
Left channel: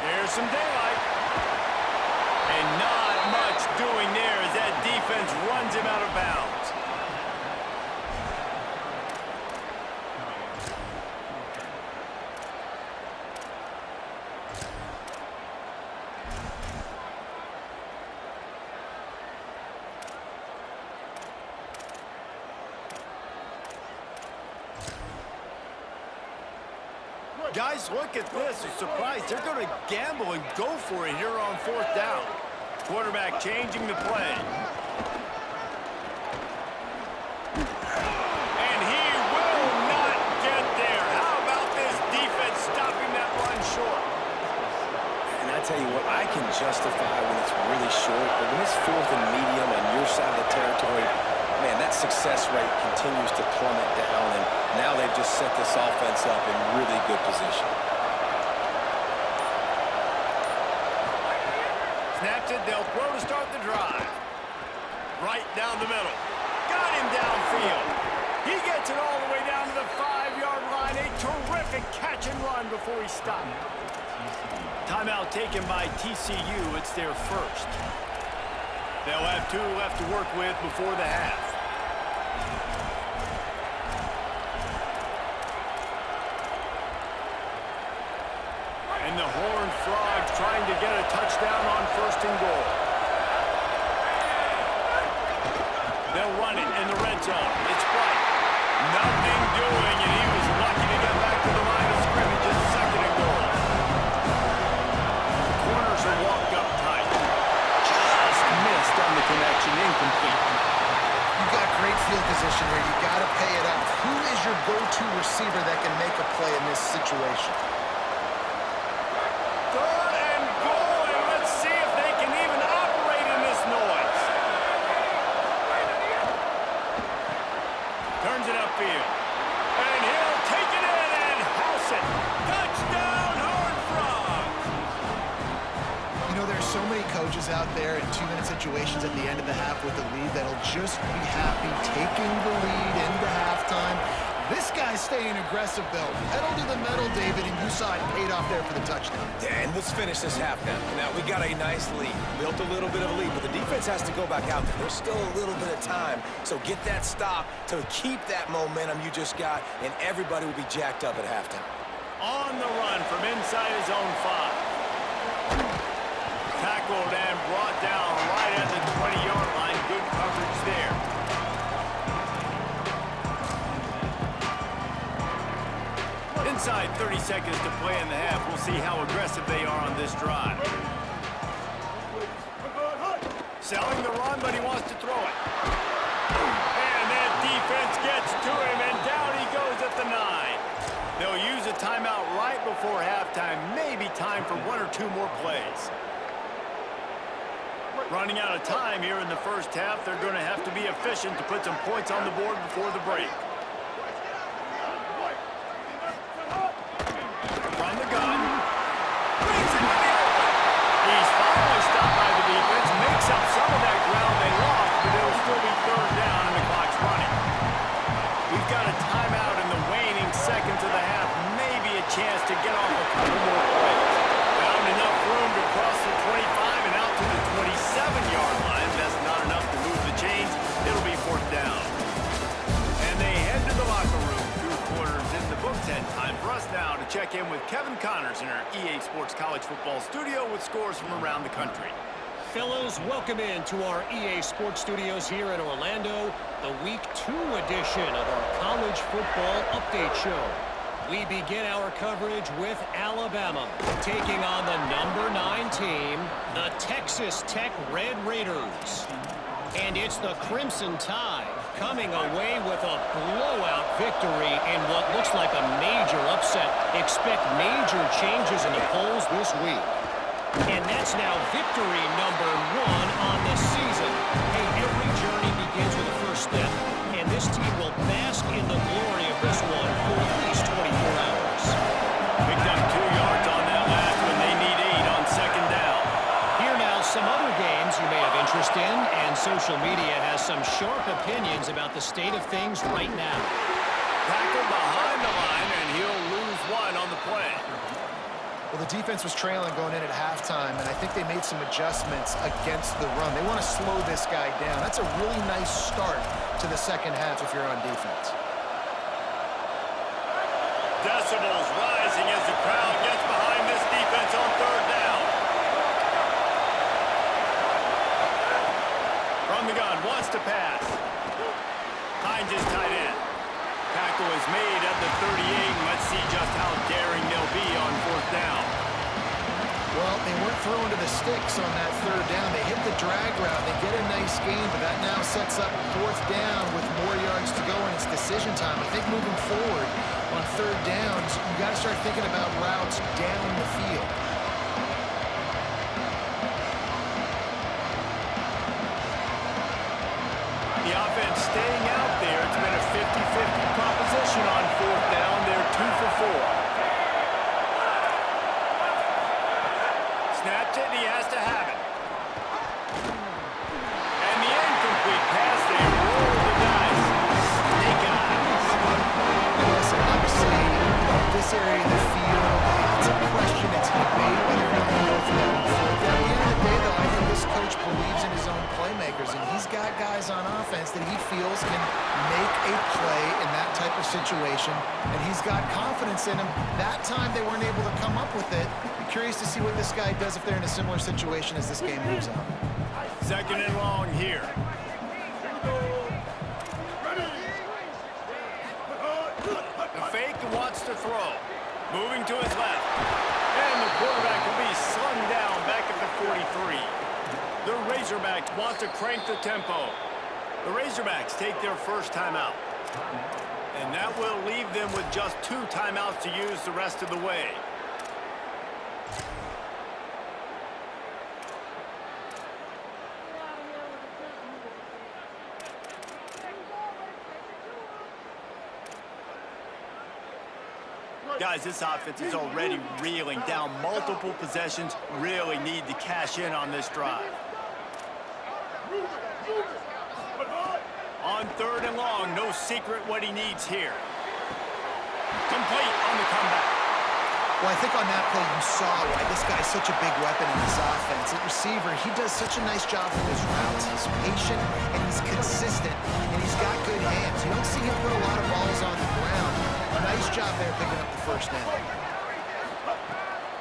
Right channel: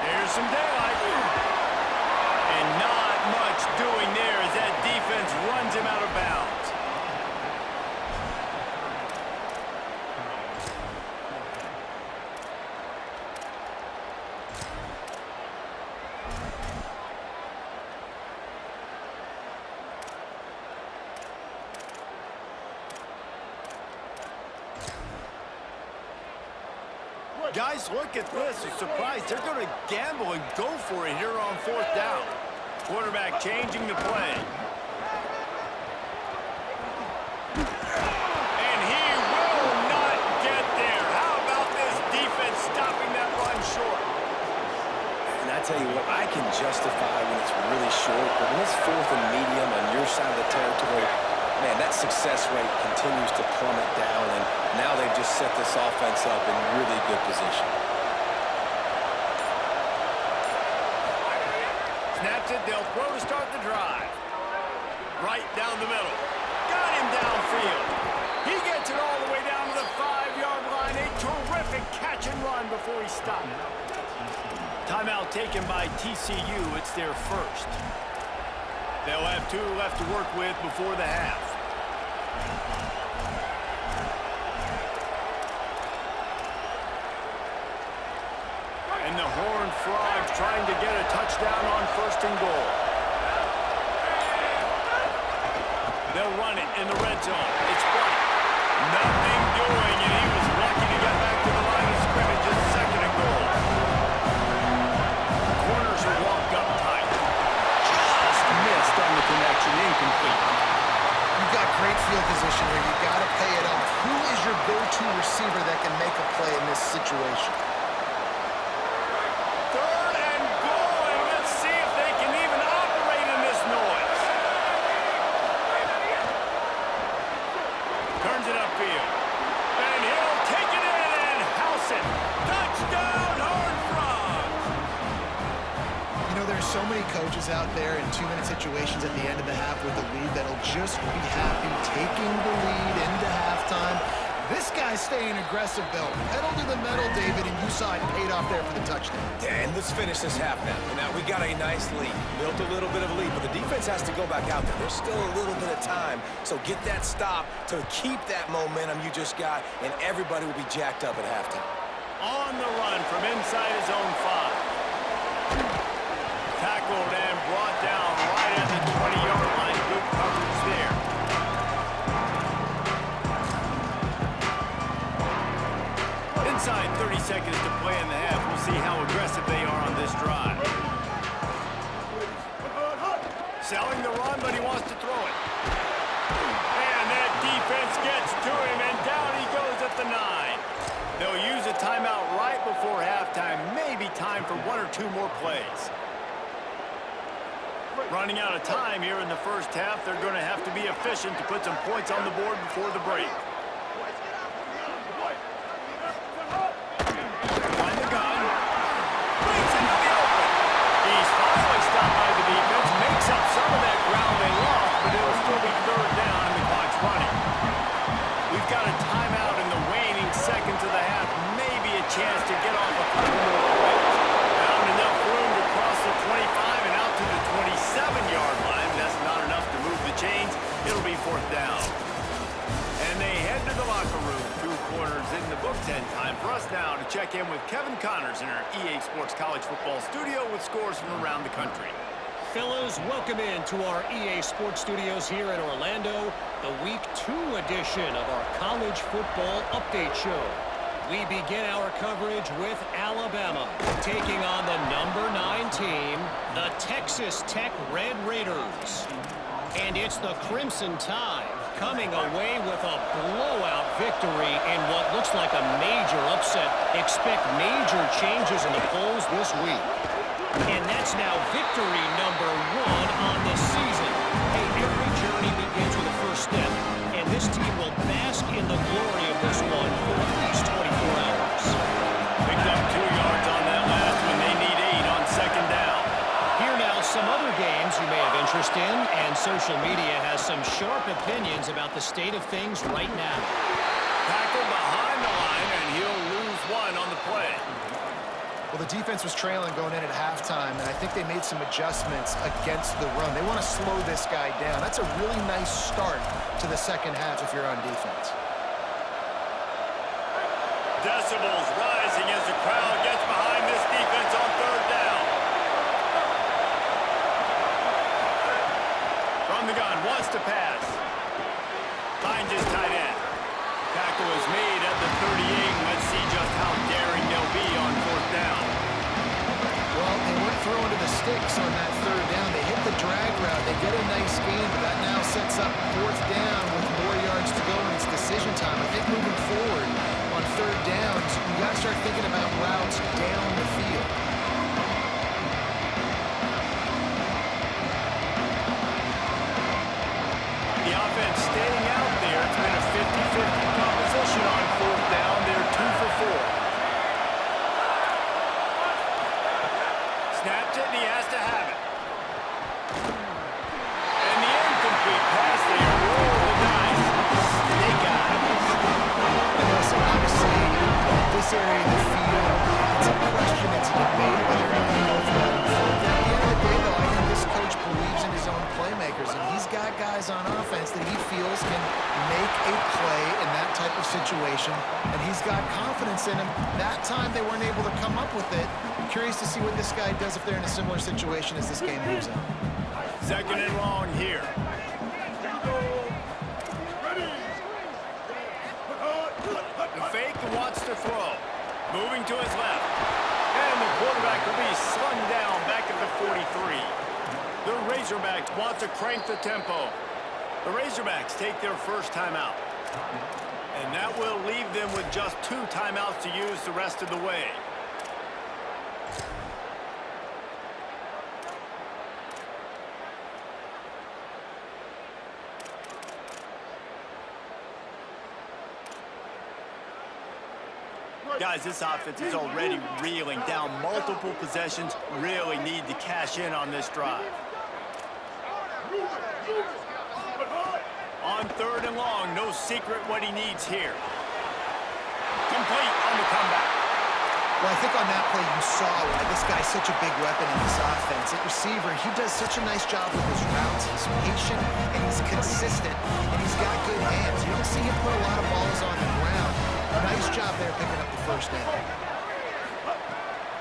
There's some daylight. And not much doing there as that defense runs him out of bounds. Guys, look at this. I'm surprised they're going to gamble and go for it here on fourth down. Quarterback changing the play. And he will not get there. How about this defense stopping that run short? And I tell you what, I can justify when it's really short, but when it's fourth and medium on your side of the territory, man, that success rate continues to plummet down, and now they've just set this offense up in really good position. Snaps it, they'll throw to start the drive. Right down the middle. Got him downfield. He gets it all the way down to the 5-yard line. A terrific catch and run before he stopped. Timeout taken by TCU. It's their first. They'll have 2 left to work with before the half. And the Horned Frogs trying to get a touchdown on first and goal. They'll run it in the red zone. It's Bright. Nothing doing, and he was lucky to get back to the line of scrimmage at second and goal. Corners are walked up tight. Just missed on the connection, incomplete. You've got great field position here. You got to pay it off. Who is your go-to receiver that can make a play in this situation? Third and goal, and let's see if they can even operate in this noise. Turns it upfield. And he'll take it in and house it. Touchdown, Horned Frogs! You know, there's so many coaches out there in 2-minute situations at the end of the half with a lead that'll just be happy taking the lead into halftime. This guy's staying aggressive, though. Pedal to the metal, David, and you saw it paid off there for the touchdown. And let's finish this half now. Now, we got a nice lead. Built a little bit of a lead, but the defense has to go back out there. There's still a little bit of time. So get that stop to keep that momentum you just got, and everybody will be jacked up at halftime. On the run from inside his own 5. Tackled and brought down right at the 20-yard line. Good coverage there. Inside 30 seconds to play in the half. We'll see how aggressive they are on this drive. Selling the run, but he wants to throw it. And that defense gets to him, and down he goes at the 9. They'll use a timeout right before halftime. Maybe time for 1 or 2 more plays. Running out of time here in the first half. They're going to have to be efficient to put some points on the board before the break. From the gun. Brings into the open. He's finally stopped by the defense. Makes up some of that ground they lost, but it'll still be third down and the clock's running. We've got a timeout in the waning seconds of the half. Maybe a chance to get off a couple more plays. Found enough room to cross the 25 and out to the 27-yard line. That's not enough to move the chains. It'll be fourth down. And they head to the locker room. 2 quarters in the books, and time for us now to check in with Kevin Connors in our EA Sports College Football studio with scores from around the country. Fellas, welcome in to our EA Sports Studios here in Orlando, the Week 2 edition of our College Football Update Show. We begin our coverage with Alabama, taking on the number 9 team, the Texas Tech Red Raiders. And it's the Crimson Tide coming away with a blowout victory in what looks like a major upset. Expect major changes in the polls this week. And that's now victory number 1 on the season. Hey, every journey begins with a first step, and this team will bask in the glory of this one for at least 24 hours. Picked up 2 yards on that last one. They need 8 on second down. Here now some other games you may have interest in, and social media has some sharp opinions about the state of things right now. Tackled behind the line, and he'll lose 1 on the play. Well, the defense was trailing going in at halftime, and I think they made some adjustments against the run. They want to slow this guy down. That's a really nice start to the second half if you're on defense. Decibels rising as the crowd gets behind this defense on third down. From the gun, wants to pass. Finds his tight end. Tackle is made at the 38. Let's see just how daring they'll be on fourth down. Well, they weren't throwing to the sticks on that third down. They hit the drag route. They get a nice gain, but that now sets up fourth down with more yards to go, and it's decision time. I think moving forward on third downs, you got to start thinking about routes down the field. The offense staying out there. It's been a 50-50 proposition on fourth down. They're 2 for 4. Snapped it, and he has to have it. And the incomplete pass, they roll the dice. Snake eyes. And listen, obviously, this area of the field, it's a question, it's a debate whether or not they go for that on fourth down. At the end of the day, though, I think this coach believes in his own playmakers, and he's got guys on offense that he feels can make a play in that type of situation, and he's got confidence in him. That time they weren't able to come up with it. Be curious to see what this guy does if they're in a similar situation as this game moves on. Second and long here. The fake wants to throw. Moving to his left. And the quarterback will be slung down back at the 43. The Razorbacks want to crank the tempo. The Razorbacks take their first timeout. And that will leave them with just 2 timeouts to use the rest of the way. Guys, this offense is already reeling down multiple possessions. Really need to cash in on this drive. On third and long, no secret what he needs here. Complete on the comeback. Well, I think on that play you saw why this guy's such a big weapon in this offense. At receiver, he does such a nice job with his routes. He's patient, and he's consistent, and he's got good hands. You don't see him put a lot of balls on the ground. Nice job there picking up the first down.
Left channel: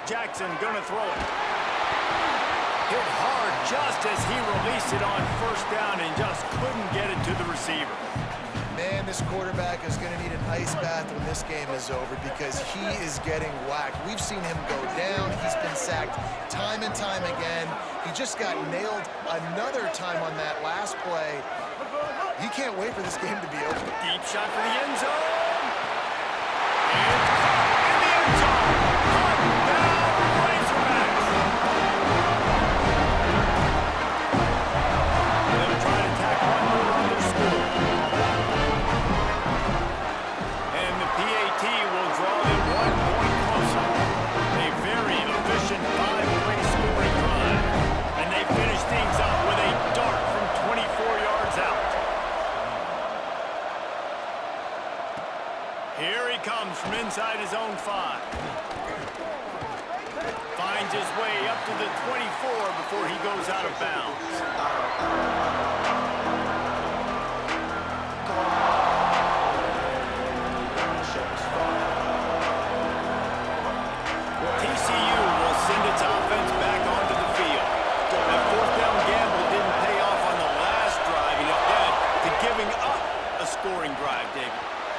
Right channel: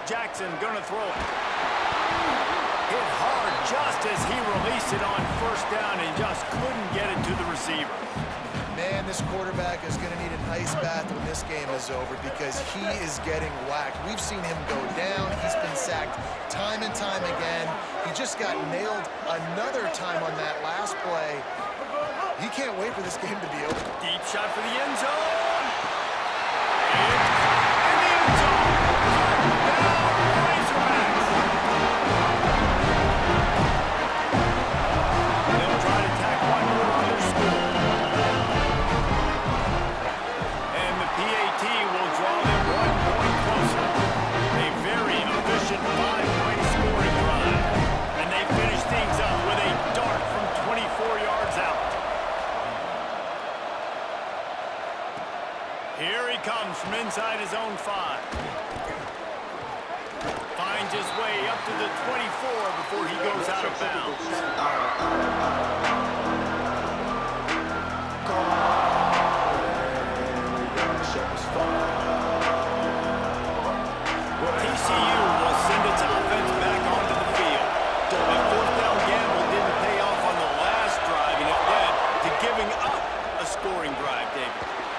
Jackson gonna throw it. Hit hard just as he released it on first down and just couldn't get it to the receiver. Man, this quarterback is going to need an ice bath when this game is over because he is getting whacked. We've seen him go down. He's been sacked time and time again. He just got nailed another time on that last play. He can't wait for this game to be over. Deep shot for the end zone. It's caught in the end zone. Touchdown, Razorbacks. inside his own 5. Finds his way up to the 24 before he goes out of bounds. TCU will send its offense back onto the field. That fourth down gamble didn't pay off on the last drive, and it led to giving up a scoring drive, David.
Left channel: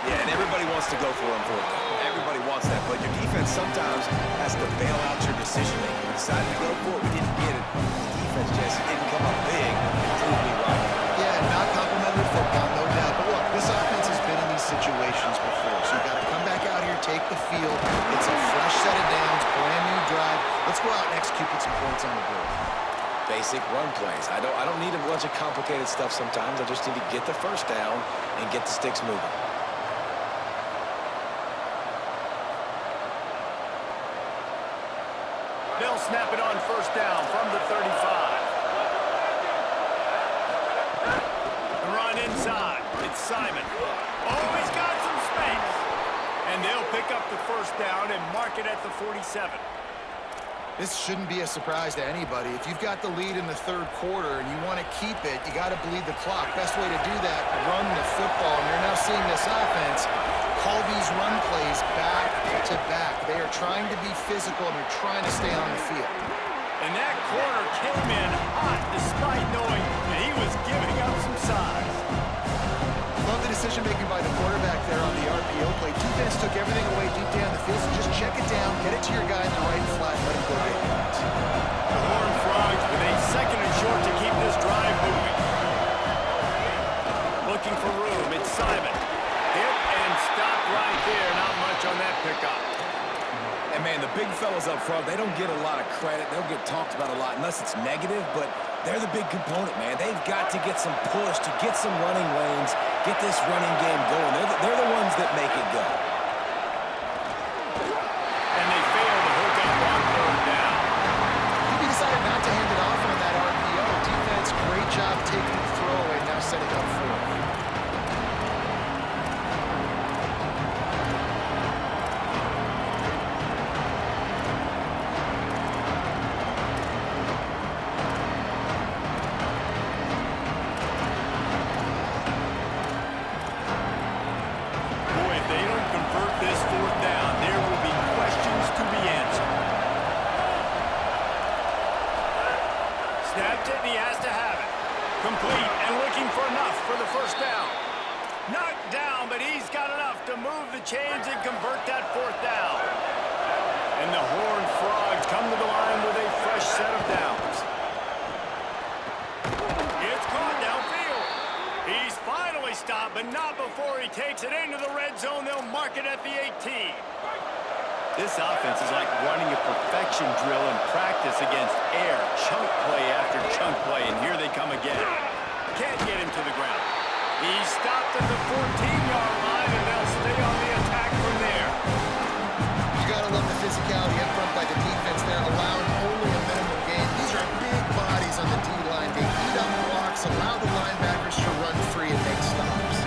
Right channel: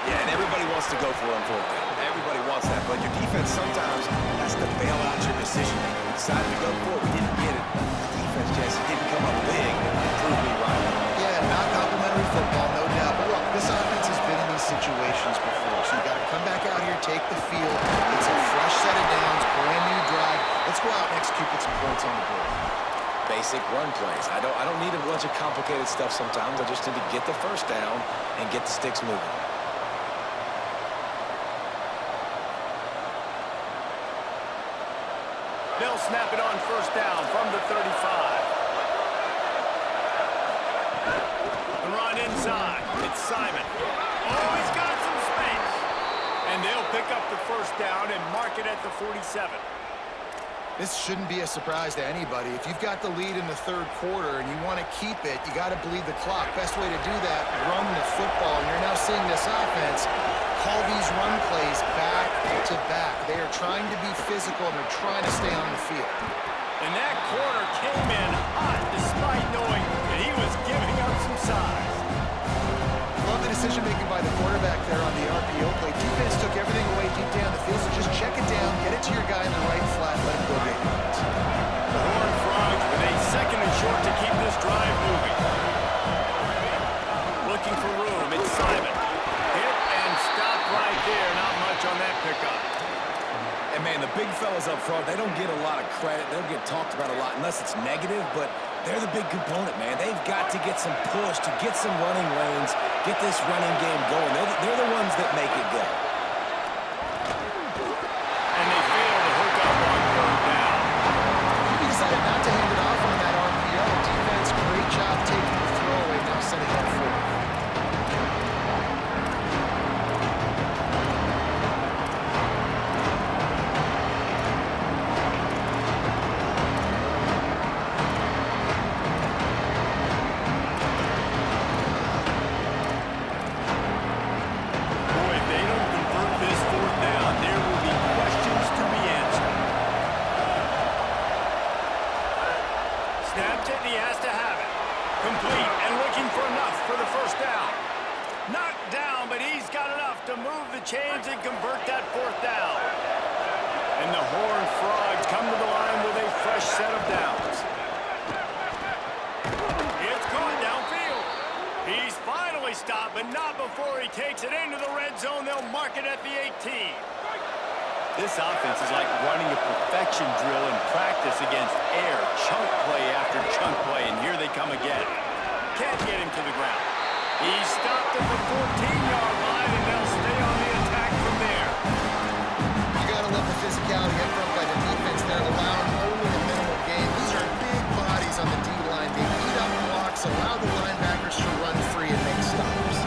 Yeah, and everybody wants to go for it on fourth down. Everybody wants that, but your defense sometimes has to bail out your decision-making. We decided to go for it. We didn't get it. The defense, Jesse, didn't come up big and prove me right. Yeah, not complimentary football, no doubt. But look, this offense has been in these situations before, so you got to come back out here, take the field. It's a fresh set of downs, brand new drive. Let's go out and execute, put some points on the board. Basic run plays. I don't need a bunch of complicated stuff sometimes. I just need to get the first down and get the sticks moving. They'll snap it on first down from the 35. The run inside. It's Simon. Oh, he's got some space. And they'll pick up the first down and mark it at the 47. This shouldn't be a surprise to anybody. If you've got the lead in the third quarter and you want to keep it, you got to bleed the clock. Best way to do that, run the football. And you're now seeing this offense call these run plays back to back. They are trying to be physical, and they're trying to stay on the field. And that corner came in hot despite knowing that he was giving up some size. Love the decision-making by the quarterback there on the RPO play. Defense took everything away deep down the field, so just check it down, get it to your guy in the right flat, and let him go get yards. The Horned Frogs with a second and short to keep this drive moving. Looking for room, it's Simon. Hit and stopped right there. Not much on that pickup. And, man, the big fellas up front, they don't get a lot of credit. They don't get talked about a lot unless it's negative, but they're the big component, man. They've got to get some push, to get some running lanes, get this running game going. They're the ones that make it go. And they fail to hook up on third down. He decided not to hand it off on that RPO. Defense, great job taking the throwaway, now setting up fourth. Snapped it, and he has to have it. Complete and looking for enough for the first down. Knocked down, but he's got enough to move the chains and convert that fourth down. And the Horned Frogs come to the line with a fresh set of downs. It's caught downfield. He's finally stopped, but not before he takes it into the red zone. They'll mark it at the 18. This offense is like running a perfection drill in practice against air. Chunk play after chunk play, and here they come again. Can't get him to the ground. He's stopped at the 14-yard line, and they'll stay on the attack from there. You got to love the physicality up front by the defense there, allowing only a minimal gain. These are big bodies on the D-line. They eat up blocks, allow the linebackers to run free and make stops.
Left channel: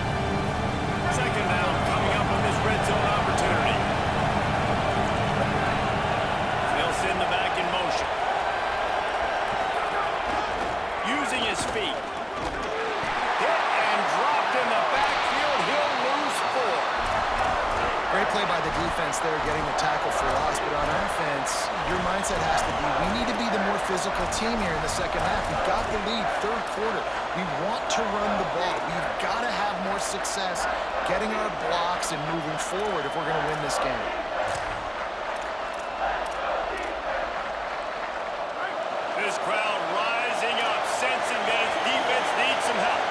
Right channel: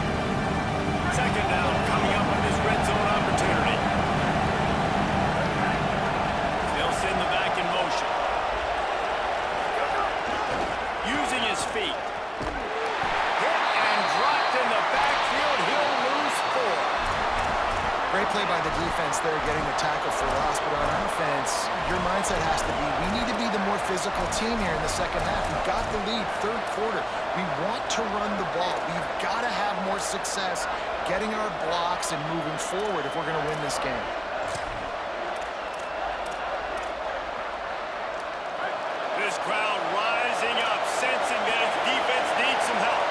Second down coming up on this red zone opportunity. They'll send the back in motion. Using his feet. Hit and dropped in the backfield. He'll lose 4. Great play by the defense there, getting the tackle for loss. But on offense, your mindset has to be, we need to be the more physical team here in the second half. We've got the lead, third quarter. We want to run the ball. We've got to have more success getting our blocks and moving forward if we're going to win this game. This crowd rising up, sensing that its defense needs some help.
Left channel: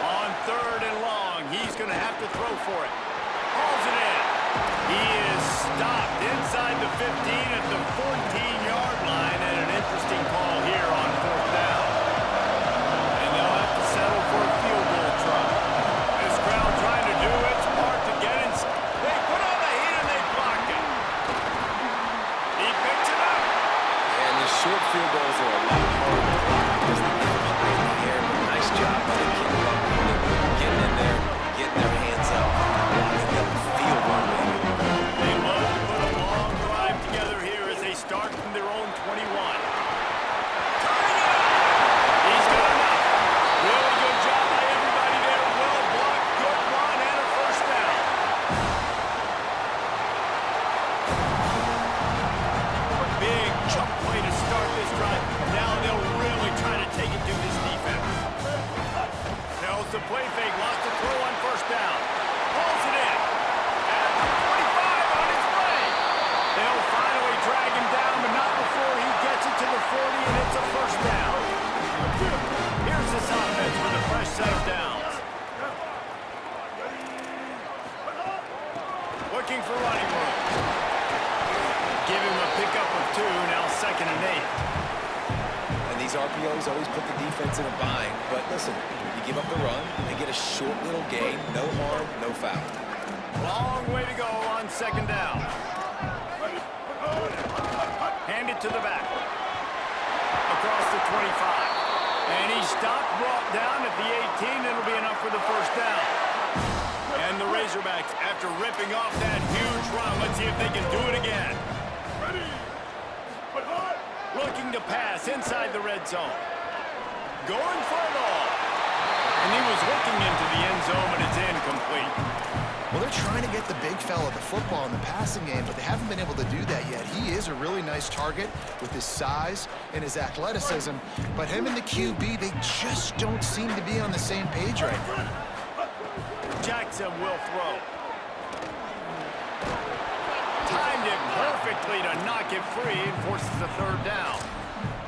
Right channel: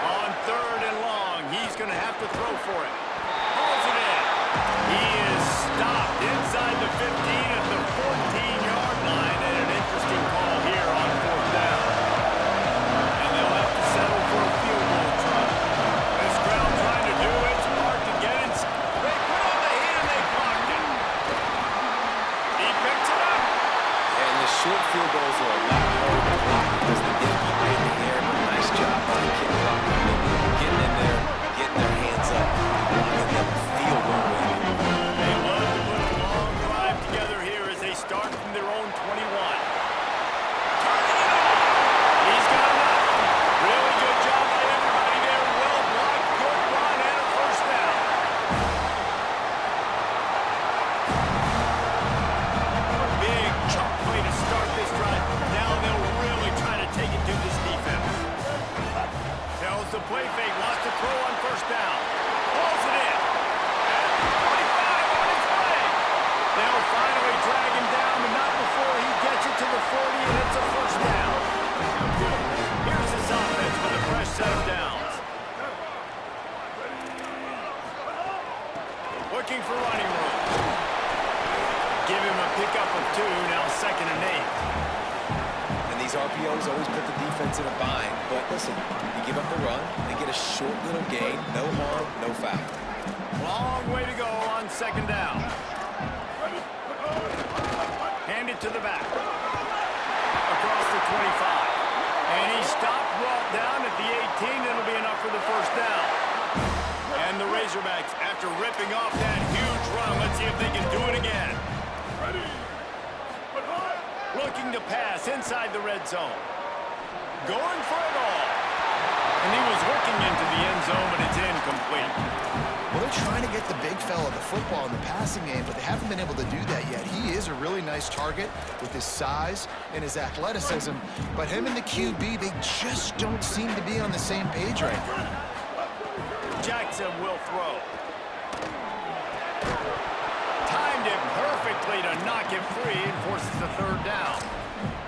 On third and long, he's going to have to throw for it. Hauls it in. He is stopped inside the 15 at the 14-yard line, and an interesting call here on fourth down. And they'll have to settle for a field goal try. This crowd trying to do its part to get it. They put on the heat and they blocked it. He picks it up. And the short field goals are a lot harder to block because they get high in the air. fake, wants to throw on first down. Pulls it in. At the 45 on his way. They'll finally drag him down, but not before he gets it to the 40, and it's a first down. Here's this offense with a fresh set of downs. Looking for running room. Give him a pickup of 2, now 2nd and 8. And these RPOs always put the defense in a bind. But listen, you give up the run, they get a short little gain, no harm, no foul. Long way to go on 2nd down. Hand it to the back. Across the 25. And he stopped, brought down at the 18. It'll be enough for the first down. And the Razorbacks, after ripping off that huge run, let's see if they can do it again. Ready. But hard. Looking to pass inside the red zone. Going for it all. And he was looking into the end zone, but it's incomplete. Well, they're trying to get the big fella the football in the passing game, but they haven't been able to do that yet. He is a really nice target with his size and his athleticism, but him and the QB, they just don't seem to be on the same page right now. Jackson will throw. Timed it perfectly to knock it free and forces the 3rd down.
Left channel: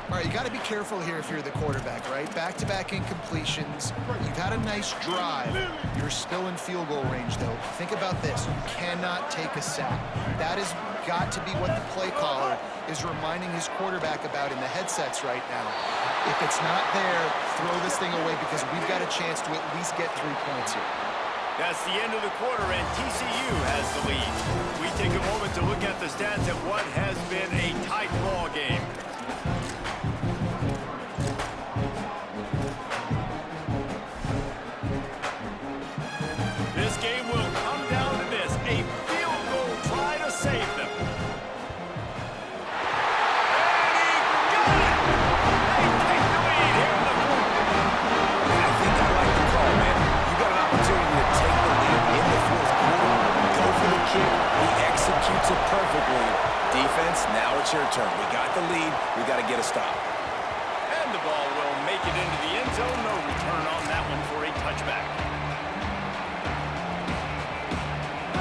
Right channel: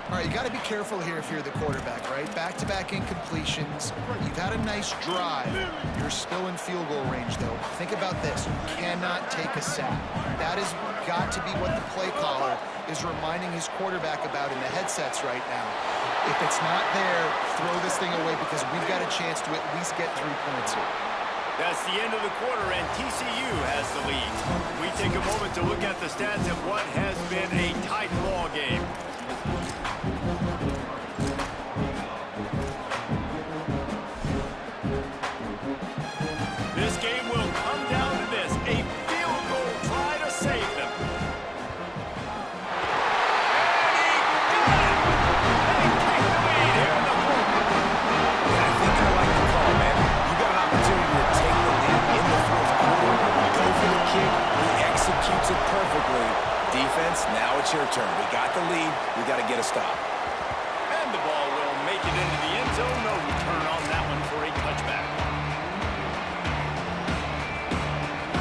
All right, you got to be careful here if you're the quarterback, right? Back-to-back incompletions. You've had a nice drive. You're still in field goal range, though. Think about this. You cannot take a sack. That has got to be what the play caller is reminding his quarterback about in the headsets right now. If it's not there, throw this thing away because we've got a chance to at least get 3 points here. That's the end of the quarter, and TCU has the lead. We take a moment to look at the stats of what has been a tight ball game. This game will come down to this, a field goal try to save them. And he got it! They take the lead here in the 4th. I think I like the call, man. You got an opportunity to take the lead in the 4th quarter. Go for the kick. He executes it perfectly. Defense, now it's your turn. We got the lead. We got to get a stop. And the ball will make it into the end zone. No return on that one for a touchback.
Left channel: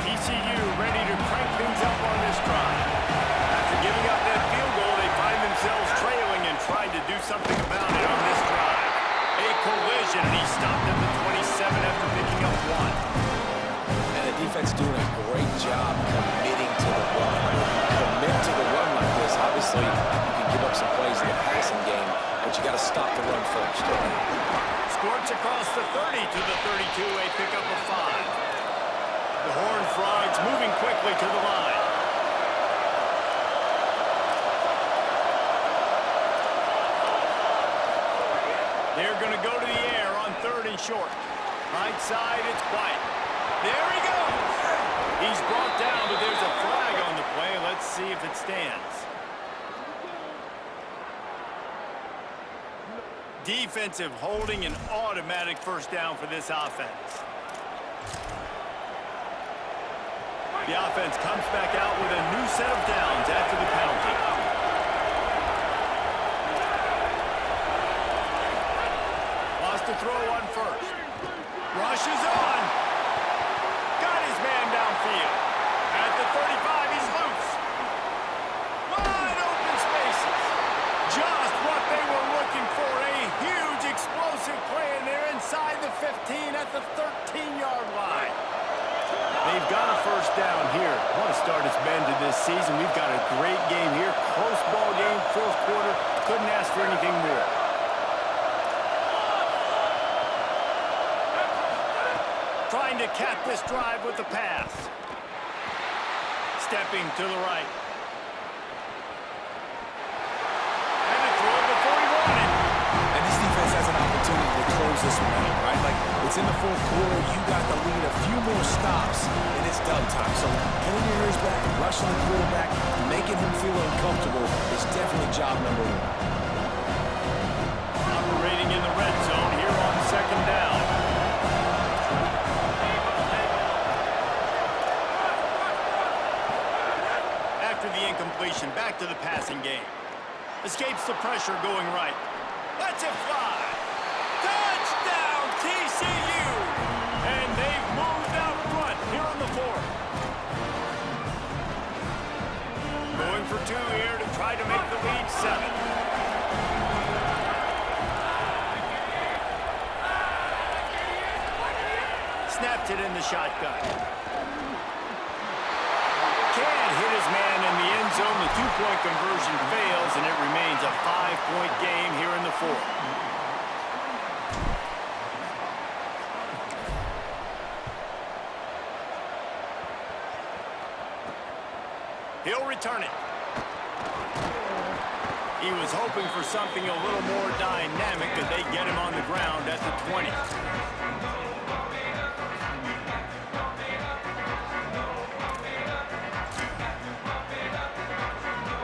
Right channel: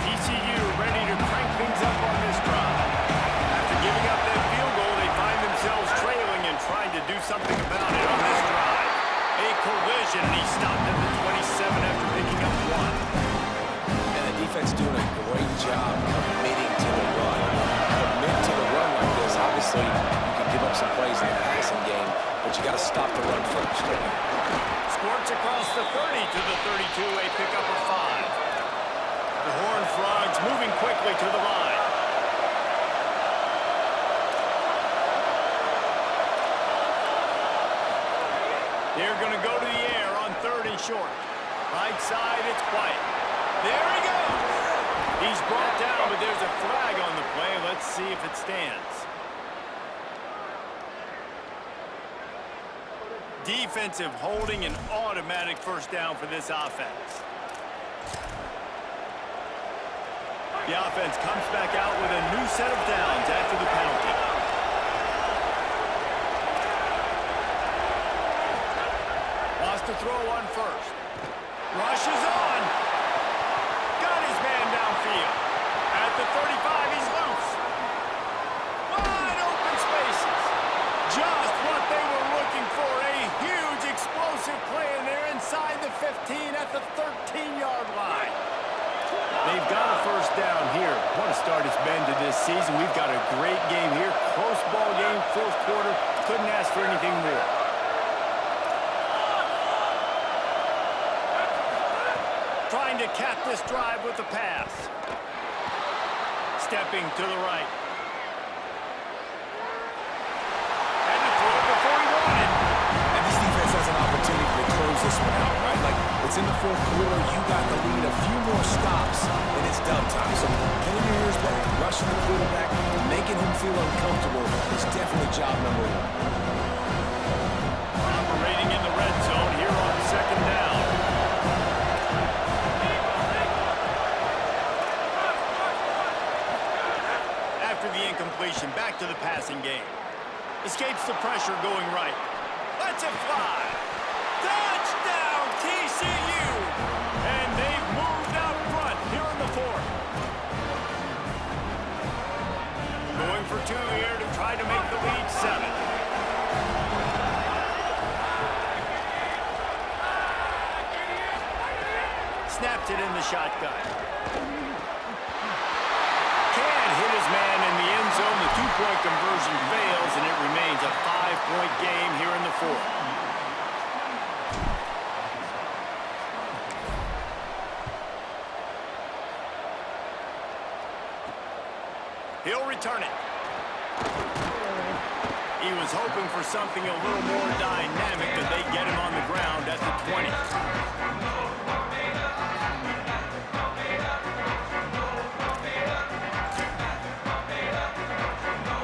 TCU ready to crank things up on this drive. After giving up that field goal, they find themselves trailing and trying to do something about it on this drive. A collision, and he stopped at the 27 after picking up 1. And the defense doing a great job committing to the run. Commit to the run like this. Obviously, you can give up some plays in the passing game, but you got to stop the run first. Squirts across the 30 to the 32, a pickup of 5. The Horned Frogs moving quickly to the line. They're going to go to the air on 3rd and short. Right side, it's White. There he goes. He's brought down, but there's a flag on the play. Let's see if it stands. Defensive holding, an automatic first down for this offense. The offense comes back out with a new set of downs after the penalty. Wants to throw on first. Rushes on. Got his man downfield. At the 35, he's loose. Wide open spaces. Just what they were looking for. A huge explosive play, and they're inside the 15 at the 13-yard line. They've got a first down here. What a start it's been to this season. We've got a great game here. Close ball game, 4th quarter. Couldn't ask for anything more. Trying to cap this drive with the pass. Stepping to the right. Had to throw it before he wanted. And this defense has an opportunity to close this one out, right? Like, it's in the 4th quarter. You got the lead. A few more stops, and it's done time. So pulling your ears back, rushing the quarterback, making him feel uncomfortable is definitely job number 1. Operating in the red zone here on 2nd down. After the incompletion, back to the passing game. Escapes the pressure going right. Lets it fly. Touchdown, TCU! here to try to make the lead 7. Snapped it in the shotgun. Can't hit his man in the end zone. The two-point conversion fails, and it remains a 5-point game here in the 4th. He'll return it. He was hoping for something a little more dynamic, but they get him on the ground at the 20.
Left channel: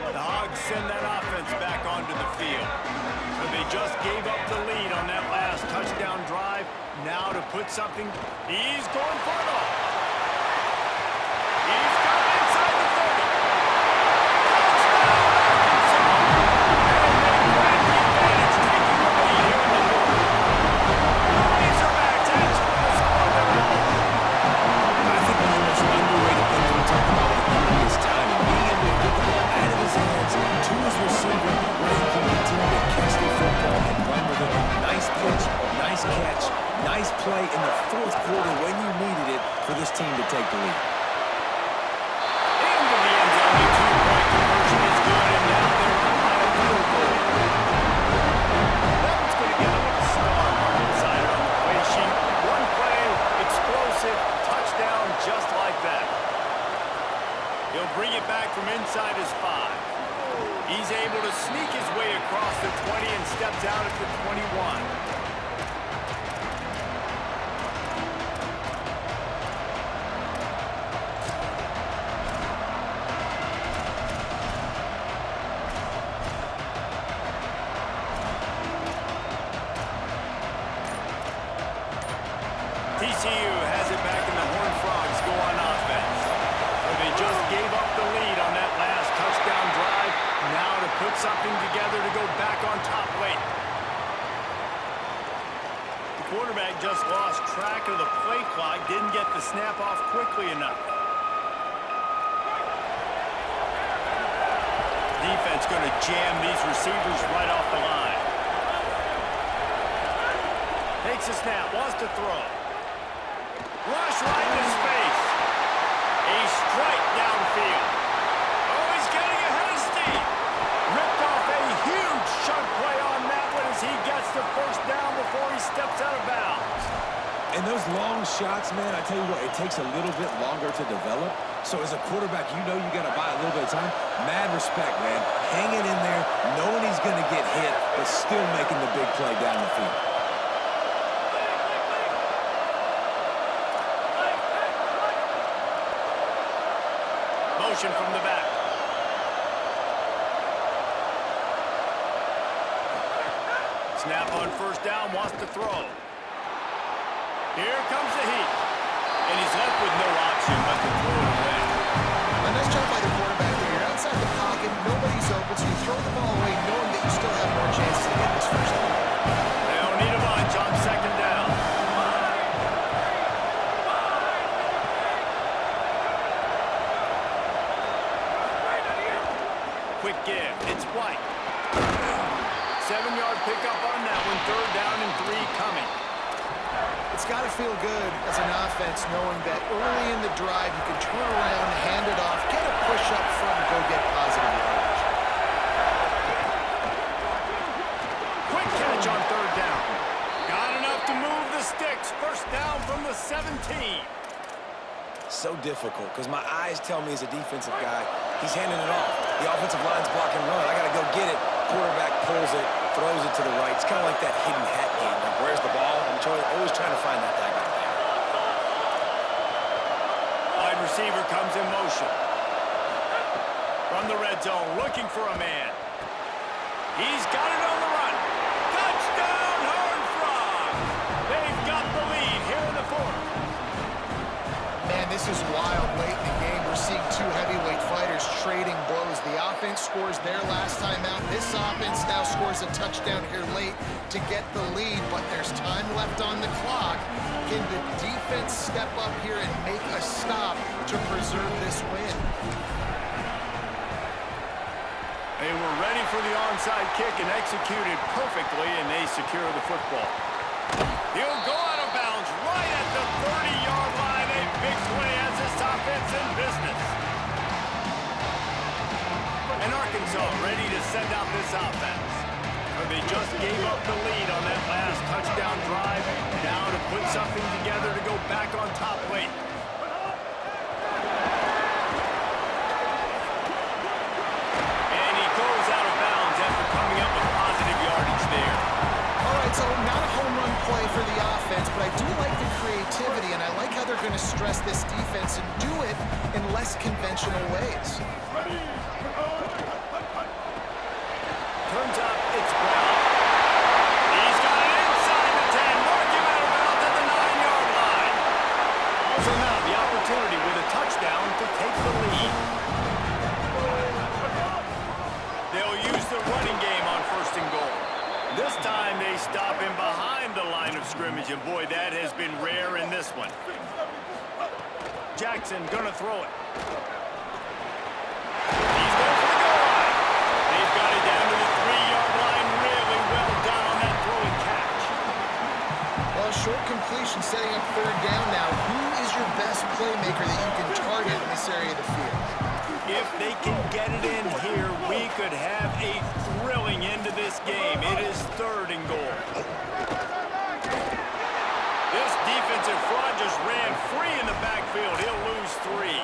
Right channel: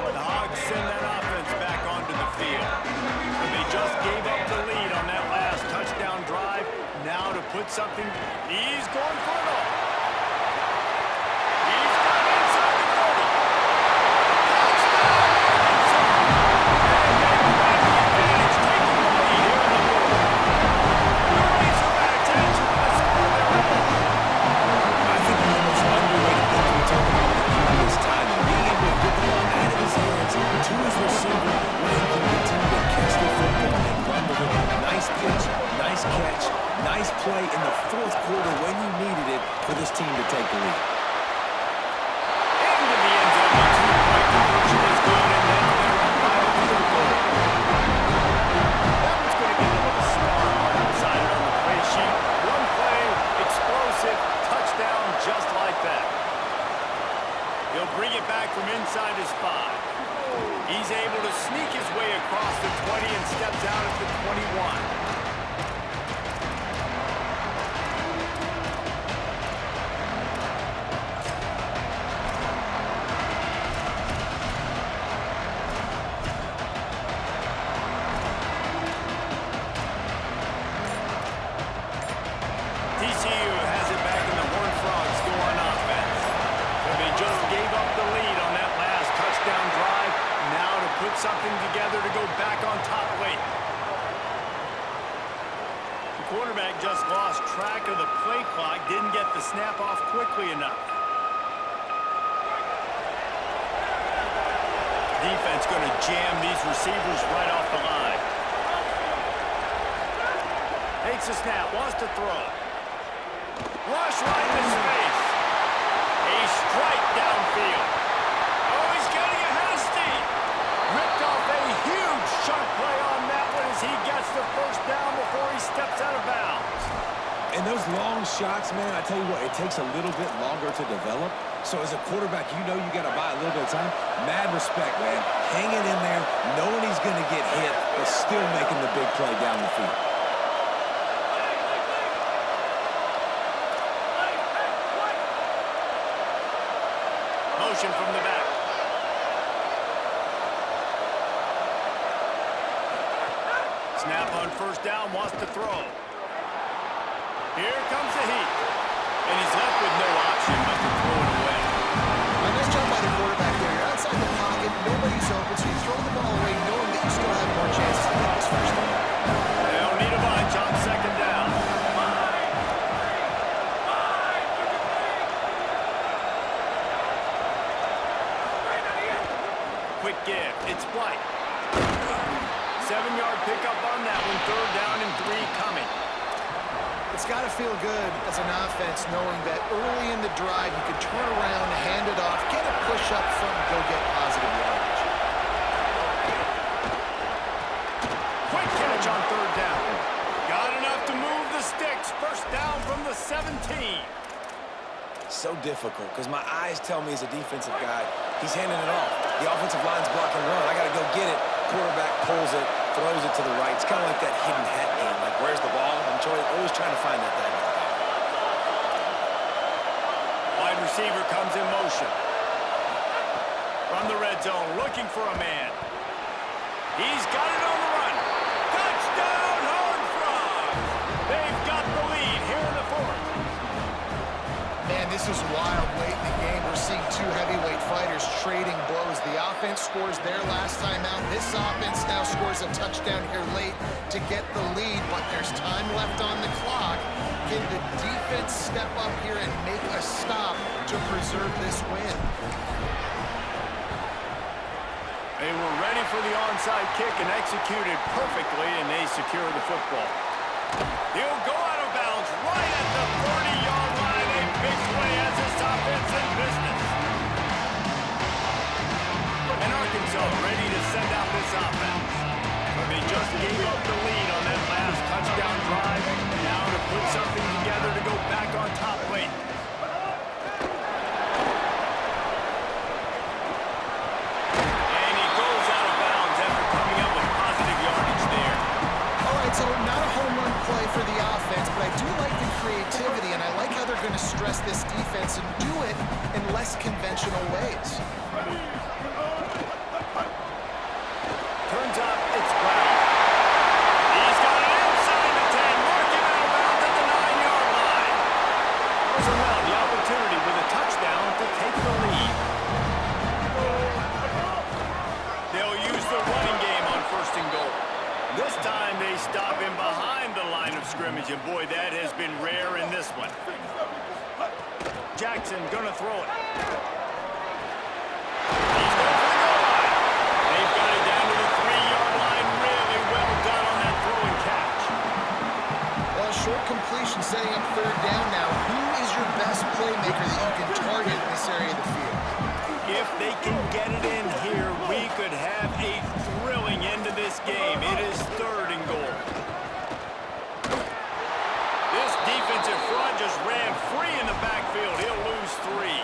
The Hogs send that offense back onto the field. But they just gave up the lead on that last touchdown drive. Now to put something, he's going for it all. He's got it inside the 30. Touchdown, Arkansas! And they grab the advantage, taking the lead here in the 4th. The Razorbacks answer with a score their own. I think one of the most underrated things we talk about with the QB is timing. Being able to get the ball out of his hands to his receiver where he can continue to catch the football and run with it. Nice pitch, nice catch, nice play in the 4th quarter when you needed it for this team to take the lead. Into the end zone, the two-point conversion is good, and now they're up by a field goal. That one's going to get a little star mark inside it on the play sheet. One play, explosive, touchdown just like that. He'll bring it back from inside his 5. He's able to sneak his way across the 20 and steps out at the 21. TCU has it back, and the Horned Frogs go on offense. So they just gave up the lead on that last touchdown drive. Now to put something together to go back on top late. The quarterback just lost track of the play clock, didn't get the snap off quickly enough. Defense going to jam these receivers right off the line. Takes a snap, wants to throw. Rush right in his face. A strike downfield. Oh, he's getting ahead of steam. Ripped off a huge chunk play on that one as he gets the first down before he steps out of bounds. And those long shots, man, I tell you what, it takes a little bit longer to develop. So as a quarterback, you know you got to buy a little bit of time. Mad respect, man. Hanging in there, knowing he's going to get hit, but still making the big play down the field. Motion from the back. Snap on first down, wants to throw. Here comes the heat. And he's left with no option but to throw it away. A nice job by the quarterback there. You're outside the pocket, nobody's open, so you throw the ball away knowing that you still have more chances to get this first down. They don't need a bunch on second down. Quick give. It's White. 7-yard pickup on that one. 3rd down and 3 coming. It's got to feel good as an offense knowing that early in the drive you can turn around, hand it off, get a push up front, and go get positive yardage. Quick catch on 3rd down. Got enough to move the sticks. First down from the 17. So difficult because my eyes tell me as a defensive guy, he's handing it off. The offensive line's blocking run. I got to go get it. Quarterback pulls it, throws it to the right. It's kind of like that hidden hat game. Like, where's the ball? I'm always trying to find that thing out there. Wide receiver comes in motion. From the red zone, looking for a man. He's got it on the run. Touchdown, Horned Frogs! They've got the lead here in the 4th. Man, this is wild late in the game. We're seeing 2 heavyweight fighters trading blows. The offense scores their last time out. This offense now scores a touchdown here late to get the lead, but there's time left on the clock. Can the defense step up here and make a stop to preserve this win? They were ready for the onside kick and executed perfectly, and they secure the football. He'll go out of bounds right at the 30-yard line. A big play as this offense in business. And Arkansas ready to send out this offense. But they just gave up the lead on that last touchdown drive. Now to put something together to go back on top late. And he goes out of bounds after coming up with positive yardage there. All right, so not a home run play for the offense, but I do like the creativity, and I like how they're going to stress this defense and do it in less conventional ways. Turns out it's Brown. He's got it inside the 10. Mark him out of bounds at the 9-yard line. So now the opportunity with a touchdown to take the lead. They'll use the running game on 1st and goal. This time they stop him behind the line of scrimmage, and boy, that has been rare in this one. Jackson gonna throw it. He's going for the goal line. They've got it down to the 3-yard line. Really well done on that throw and catch. Well, a short completion setting up 3rd down now. Who is your best playmaker that you can target in this area of the field? If they can get it in here, we could have a thrilling end to this game. It is 3rd and goal. This defensive front just ran free in the backfield. He'll lose 3.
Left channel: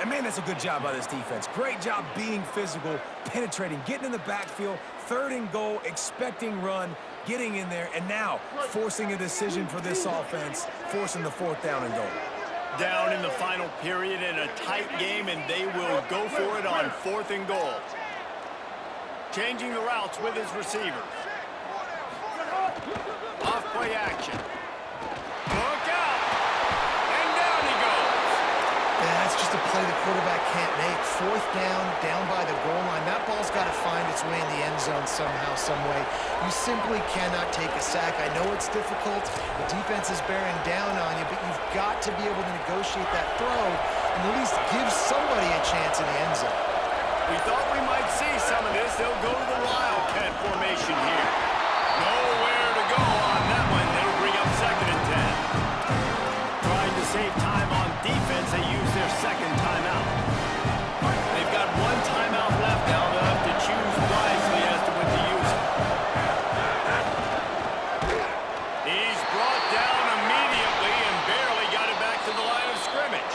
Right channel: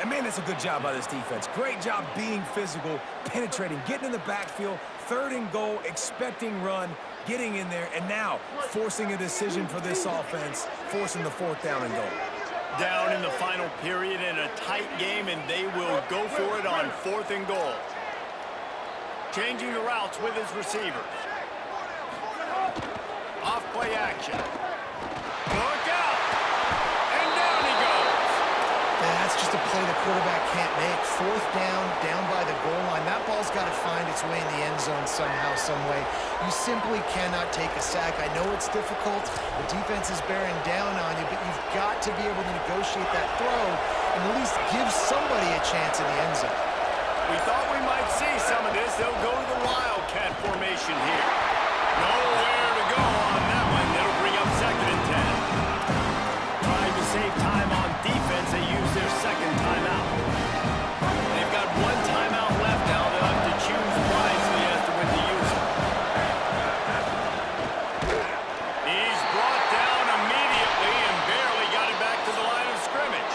And, man, that's a good job by this defense. Great job being physical, penetrating, getting in the backfield, 3rd and goal, expecting run, getting in there, and now forcing a decision for this offense, forcing the 4th down and goal. Down in the final period in a tight game, and they will go for it on 4th and goal. Changing the routes with his receivers. Off play action. Look out! And down he goes. That's just a play the quarterback can't make. 4th down, down by the goal line. That ball's got to find its way in the end zone somehow, some way. You simply cannot take a sack. I know it's difficult. The defense is bearing down on you, but you've got to be able to negotiate that throw and at least give somebody a chance in the end zone. We thought we might see some of this. They'll go to the Wildcat formation here. Nowhere to go on that one. That'll bring up 2nd and 10. Trying to save time on defense, they use their 2nd timeout. They've got 1 timeout left now. They'll have to choose wisely as to when to use it. He's brought down immediately and barely got it back to the line of scrimmage.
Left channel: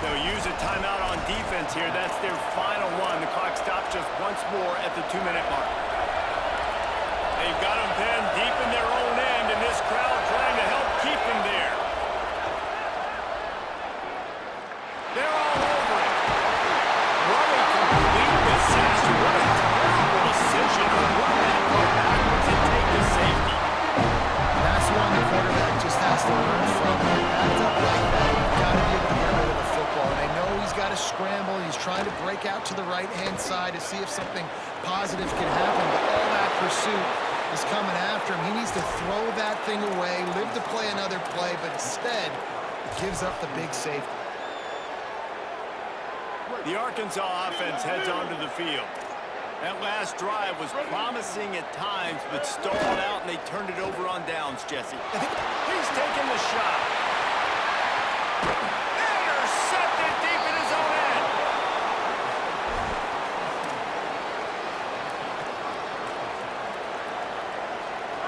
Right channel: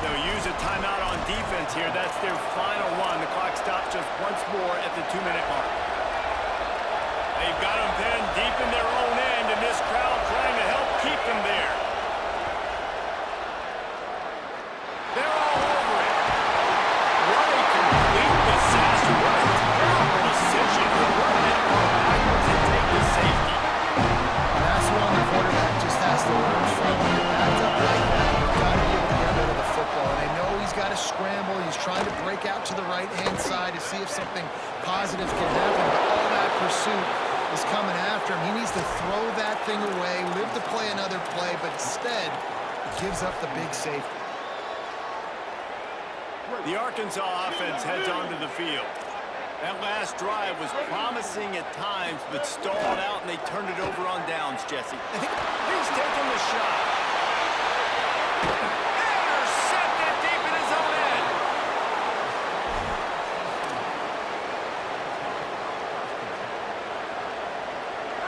They'll use a timeout on defense here. That's their final one. The clock stops just once more at the 2-minute mark. They've got them pinned deep in their own end, and this crowd trying to help keep them there. They're all over it. What a complete disaster. What a terrible decision to run that ball backwards and take the safety. That's one the quarterback just has to learn from. When you're backed up like that, you've got to be able to get rid of the football. And I know he's got to scramble. He's trying to break out to the right-hand side to see if something positive can happen. But all that pursuit is coming after him. He needs to throw that thing away, live to play another play, but instead, he gives up the big safety. The Arkansas offense heads onto the field. That last drive was promising at times, but stalled out, and they turned it over on downs, Jesse. I think he's taking the shot. Intercepted deep in his own end.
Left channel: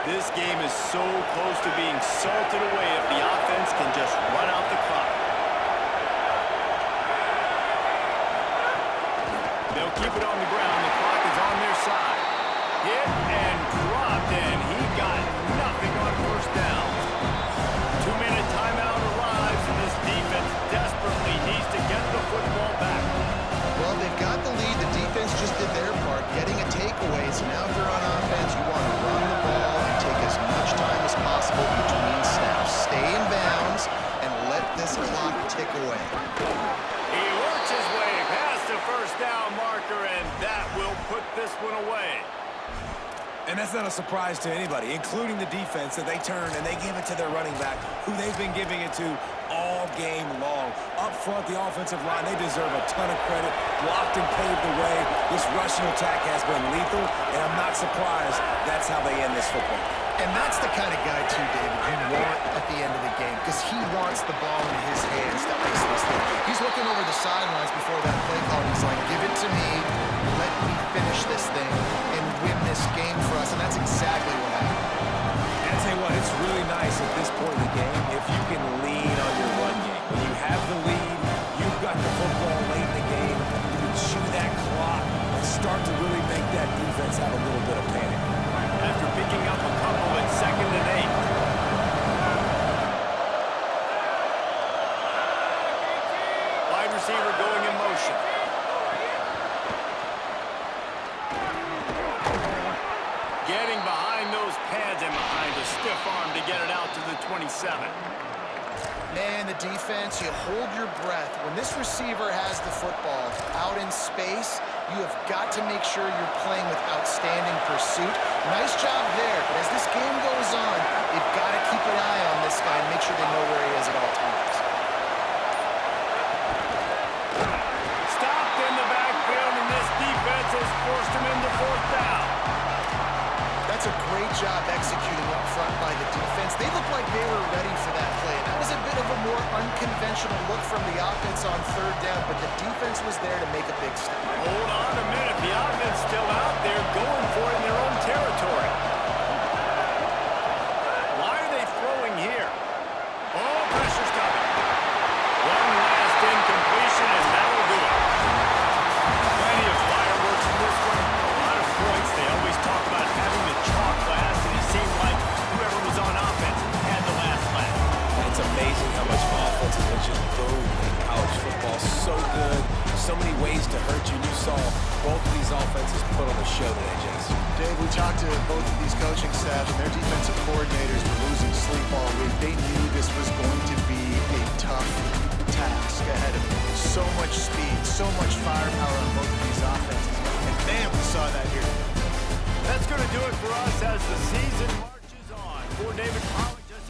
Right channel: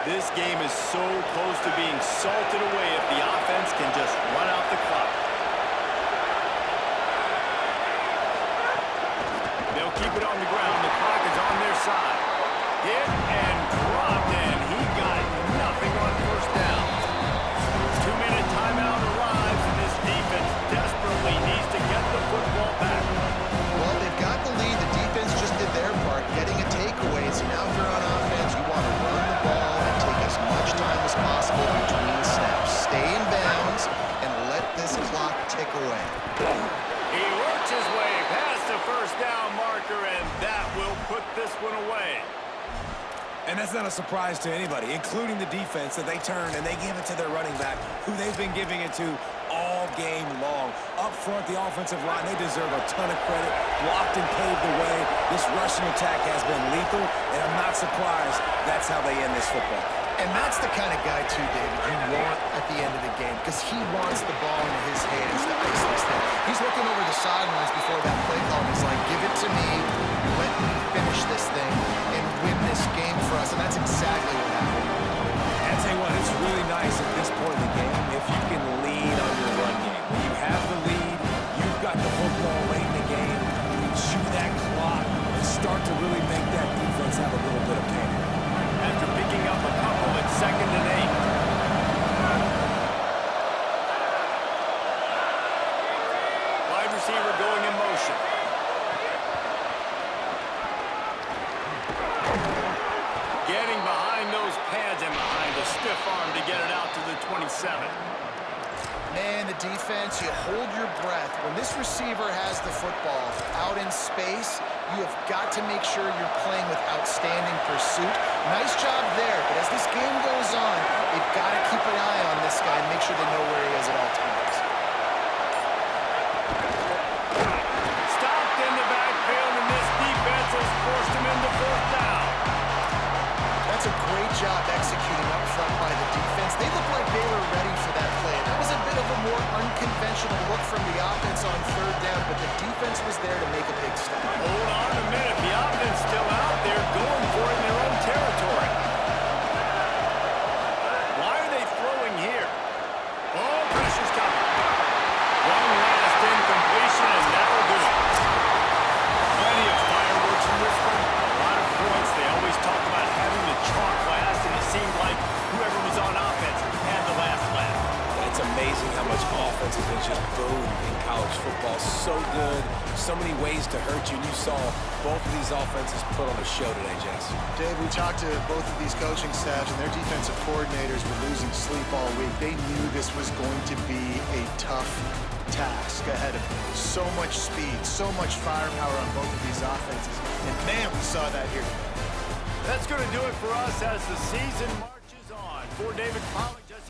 This game is so close to being salted away if the offense can just run out the clock. They'll keep it on the ground. The clock is on their side. Hit and dropped, and he got nothing on 1st down. 2-minute timeout arrives, and this defense desperately needs to get the football back. Well, they've got the lead. The defense just did their part, getting a takeaway. So now if you're on offense, you want to run the ball and take as much time as possible between snaps. Stay in bounds and let this clock tick away. He works his way past the 1st down marker, and that will put this one away. And that's not a surprise to anybody, including the defense, that they turn and they give it to their running back, who they've been giving it to all game long. Up front, the offensive line, they deserve a ton of credit. Blocked and paved the way. This rushing attack has been lethal, and I'm not surprised that's how they end this football. And that's the kind of guy, too, David, you want at the end of the game, because he wants the ball in his hands to ice this thing. He's looking over the sidelines before that play call, and he's like, give it to me, let me finish this thing, and win this game for us, and that's exactly what happened. And I tell you what, it's really nice at this point in the game if you can lean on your run game. When you have the lead, you've got the football late in the game, you can chew that clock and start to really make that defense have a little bit of panic. After picking up a couple at 2nd and 8. Wide receiver going in motion. Getting behind those pads and behind a stiff arm to get it out to the 27. Man, the defense, you hold your breath. When this receiver has the football out in space, you have got to make sure you're playing with outstanding pursuit. Nice job there, but as this game goes on, they've got to keep an eye on this guy and make sure they know where he is at all times. Stopped in the backfield, and this defense has forced him into 4th down. That's a great job executing up front by the defense. They looked like they were ready for that play. And that was a bit of a more unconventional look from the offense on 3rd down, but the defense was there to make a big stop. Hold on a minute. The offense still out there going for it in their own territory. Why are they throwing here? Oh, pressure's coming. One last incompletion, and that'll do it. Plenty of fireworks in this one. A lot of points. They always talk about having the chalk last, and it seemed like whoever was on offense had the last laugh. It's amazing how much offense has been just boomed in college football. So good, so many ways to hurt you. And you saw both of these offenses put on a show today, Jess. Dave, we talked to both of these coaching staffs, and their defensive coordinators were losing sleep all week. They knew this was going to be a tough task ahead of them. So much speed, so much firepower on both of these offenses. And man, we saw that here today. That's going to do it for us as the season marches on. For David Pollack.